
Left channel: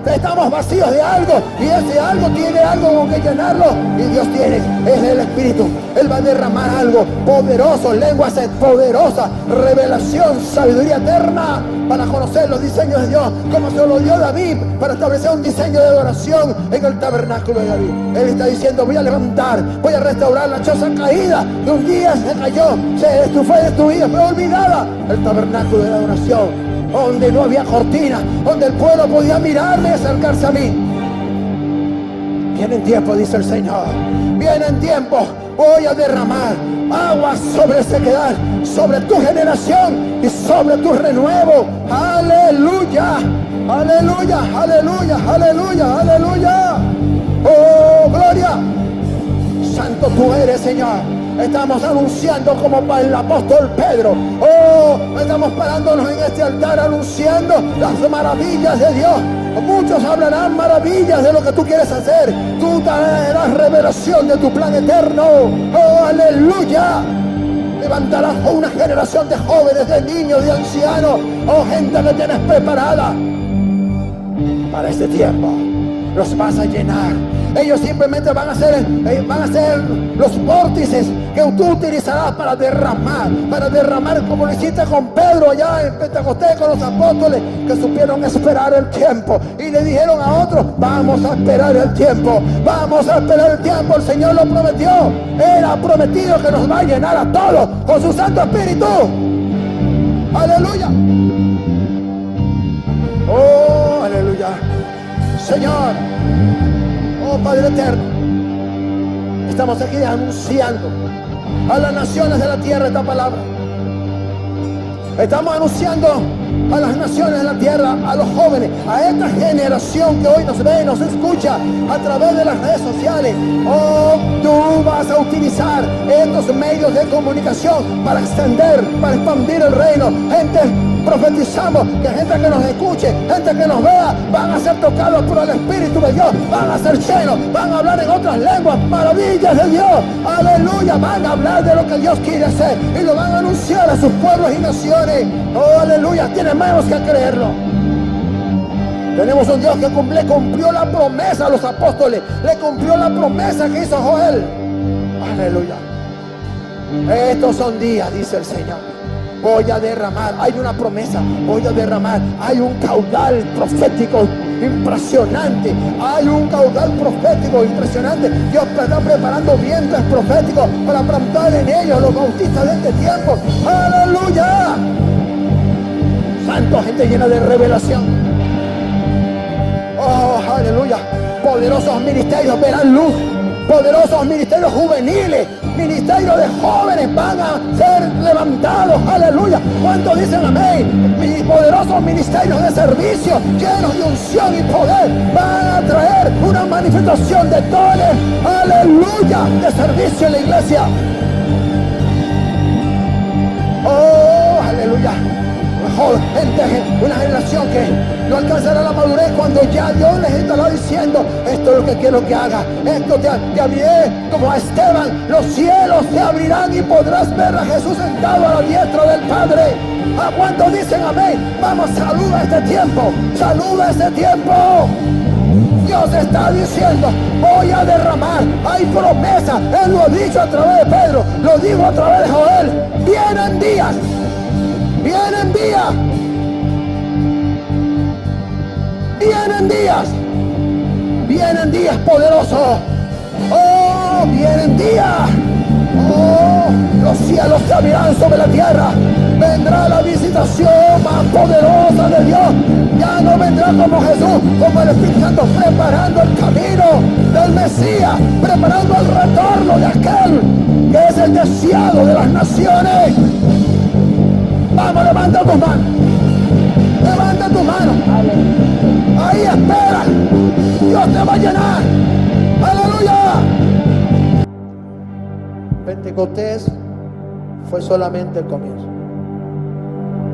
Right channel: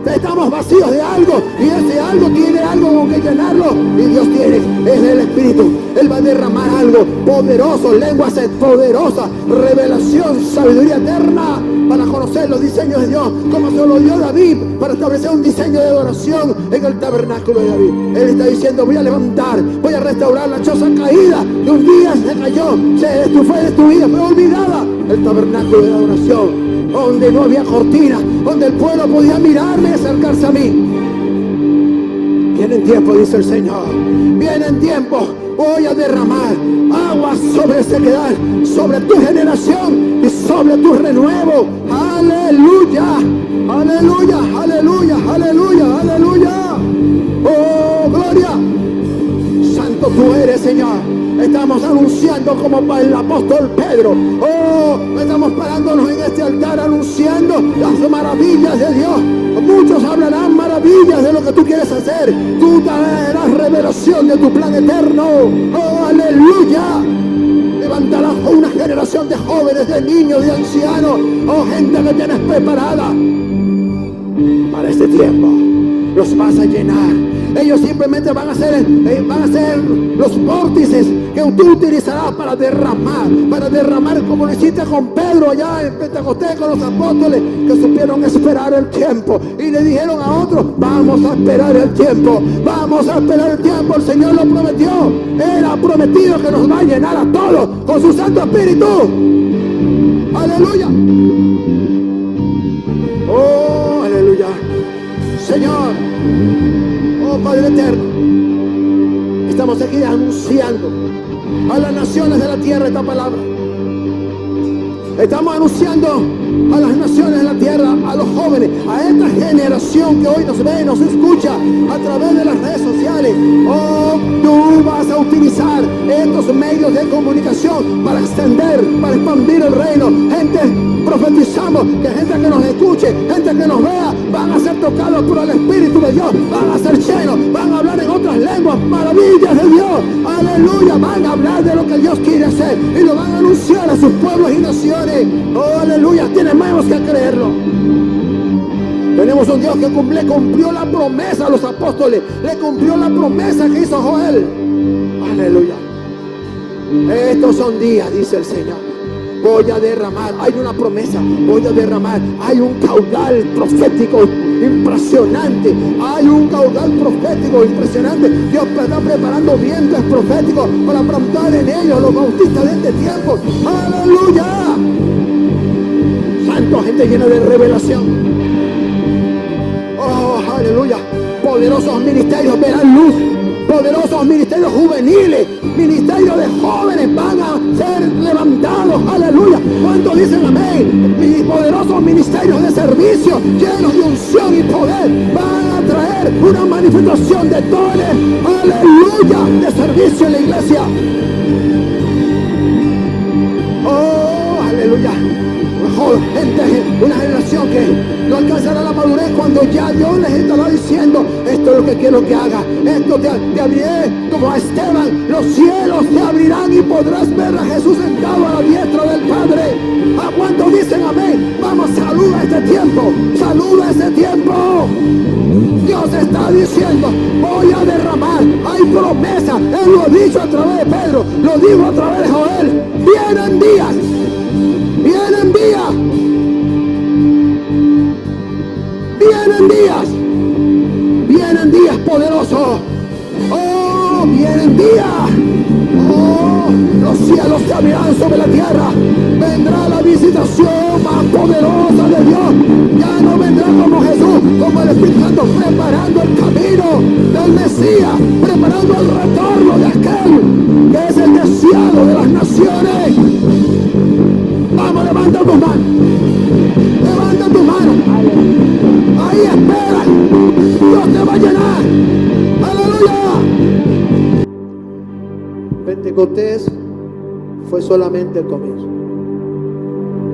Estamos vacíos de algo y ese algo tiene algo con que llenarlo. Y Dios tiene es el Espíritu. Él va a derramar algo poderoso, lenguas poderosas, revelación, sabiduría eterna para conocer los diseños de Dios, como se lo dio David para establecer un diseño de adoración en el tabernáculo de David. Él está diciendo: voy a levantar, voy a restaurar la choza caída, que un día se cayó, fue destruida, fue olvidada. El tabernáculo de adoración, donde no había cortina, donde el pueblo podía mirarme y acercarse a mí. Vienen tiempos, dice el Señor, vienen tiempos. Voy a derramar agua sobre sequedad, sobre tu generación y sobre tu renuevo. Aleluya, aleluya, aleluya, aleluya, aleluya. Oh, gloria. Santo tú eres, Señor. Estamos anunciando como para el apóstol Pedro. Oh, estamos parándonos en este altar anunciando las maravillas de Dios. Muchos hablarán maravillas de lo que tú quieres hacer. Tú traerás revelación de tu plan eterno. Oh, aleluya. Levantarás una generación de jóvenes, de niños, de ancianos. Oh, gente que tienes preparada para este tiempo. Los vas a llenar. Ellos simplemente van a ser los vórtices que tú utilizarás para derramar como lo hiciste con Pedro allá en Pentecostés, con los apóstoles que supieron esperar el tiempo y le dijeron a otros: vamos a esperar el tiempo, vamos a esperar el tiempo. El Señor lo prometió. Él ha prometido que nos va a llenar a todos con su Santo Espíritu. Aleluya. Oh, aleluya. Señor, oh Padre eterno, estamos aquí anunciando a las naciones de la tierra esta palabra. Estamos anunciando a las naciones de la tierra, a los jóvenes, a esta generación que hoy nos ve y nos escucha a través de las redes sociales. Oh, tú vas a utilizar estos medios de comunicación para expandir el reino. Gente, profetizamos que gente que nos escuche, gente que nos vea, van a ser tocados por el Espíritu de Dios, van a ser llenos, van a hablar en otras lenguas, maravillas de Dios. Aleluya, van a hablar de lo que Dios quiere hacer y lo van a anunciar a sus pueblos y naciones. Oh, aleluya, tenemos que creerlo. Tenemos un Dios que le cumplió la promesa a los apóstoles, le cumplió la promesa que hizo Joel. Aleluya. Estos son días, dice el Señor. Voy a derramar, hay una promesa, voy a derramar, hay un caudal profético impresionante, hay un caudal profético impresionante. Dios está preparando vientos proféticos para plantar en ellos los bautistas de este tiempo. ¡Aleluya! Santo, gente llena de revelación. ¡Oh, aleluya! Poderosos ministerios verán luz. Poderosos ministerios juveniles, ministerios de jóvenes van a ser levantados. Aleluya. ¿Cuántos dicen amén? Y poderosos ministerios de servicio llenos de unción y poder van a traer una manifestación de dones. Aleluya. De servicio en la iglesia. Oh, aleluya. Gente, una generación que no alcanzará la madurez cuando ya Dios les estará diciendo: esto es lo que quiero que haga, esto te abriré como a Esteban, los cielos te abrirán y podrás ver a Jesús sentado a la diestra del Padre. ¿A cuántos dicen amén? Vamos, saluda este tiempo, saluda este tiempo. Dios está diciendo: voy a derramar, hay promesa. Él lo ha dicho a través de Pedro, lo dijo a través de Joel. Vienen días. Vienen días. Vienen días. Vienen días poderosos. Oh, vienen días. Oh, los cielos se abrirán sobre la tierra. Vendrá la visitación más poderosa de Dios. Ya no vendrá como Jesús, como el Espíritu Santo, preparando el camino del Mesías, preparando el retorno de aquel que es el deseado de las naciones. Vamos, levanta tus manos. Levanta tus manos. Ahí espera. Dios te va a llenar. Aleluya. Pentecostés fue solamente el comienzo.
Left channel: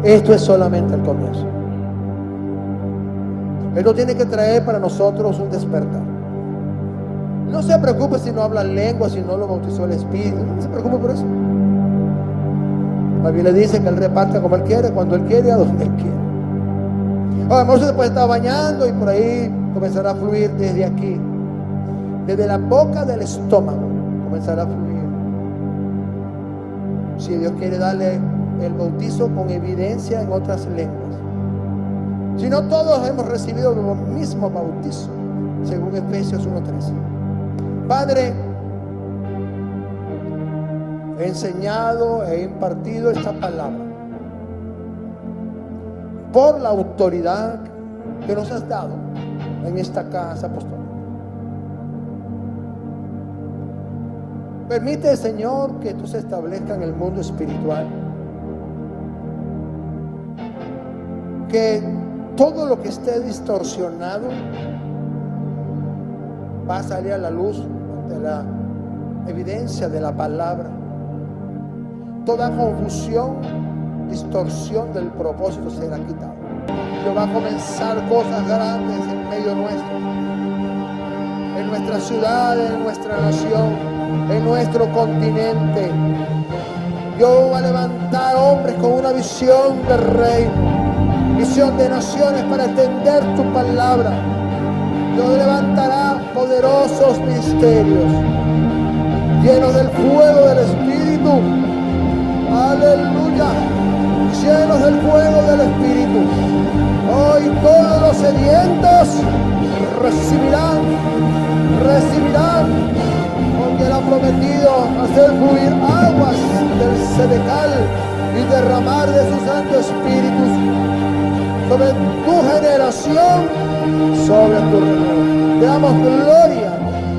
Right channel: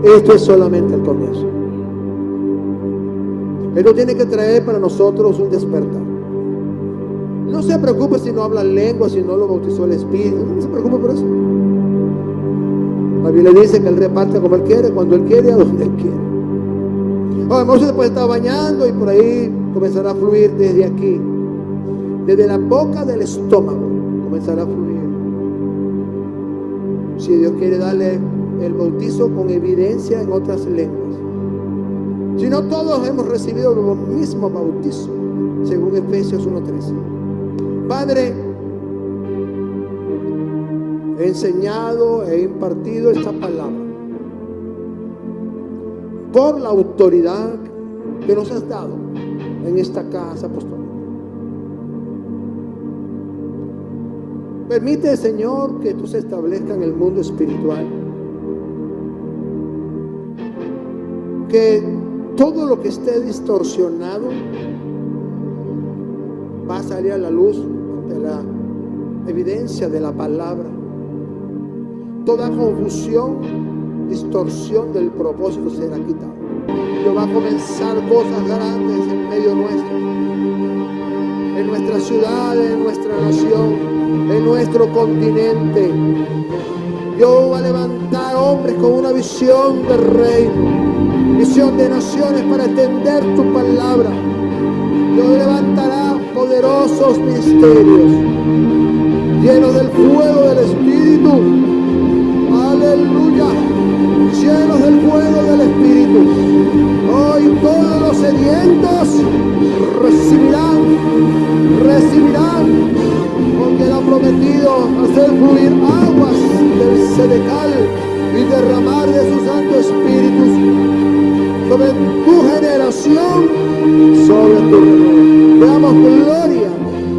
Esto es solamente el comienzo. Él no tiene que traer para nosotros un despertar. No se preocupe si no hablan lengua, si no lo bautizó el Espíritu. No se preocupe por eso. La Biblia dice que Él reparte como Él quiere, cuando Él quiere, a donde Él quiere. A lo mejor se puede estar bañando y por ahí comenzará a fluir desde aquí, desde la boca del estómago, comenzará a fluir. Si Dios quiere darle el bautizo con evidencia en otras lenguas. Si no, todos hemos recibido los mismos bautizos, según Efesios 1:13. Padre, he enseñado, he impartido esta palabra por la autoridad que nos has dado en esta casa apostólica. Permite, Señor, que tú se establezca en el mundo espiritual, que todo lo que esté distorsionado va a salir a la luz de la evidencia de la palabra. Toda confusión, distorsión del propósito será quitada. Dios va a comenzar cosas grandes en medio nuestro, en nuestra ciudad, en nuestra nación, en nuestro continente. Dios va a levantar hombres con una visión del reino, visión de naciones para extender tu palabra. Dios levantará poderosos misterios llenos del fuego del Espíritu. Aleluya, llenos del fuego del Espíritu. Hoy todos los sedientos recibirán, porque Él ha prometido hacer fluir aguas del Sedecal y derramar de su Santo Espíritu sobre tu generación, sobre tu reino. Le damos gloria,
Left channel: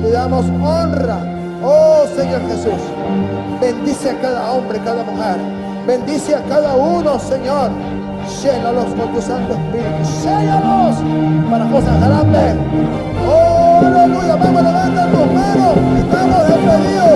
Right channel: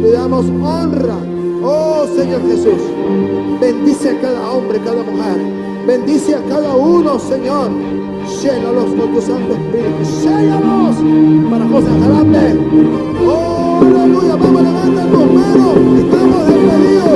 le damos honra. Oh Señor Jesús, bendice a cada hombre, cada mujer. Bendice a cada uno, Señor. Llénalos con tu Santo Espíritu. Llénalos para cosas grandes. Oh, aleluya. Vamos, levanta tus manos. Estamos despedidos.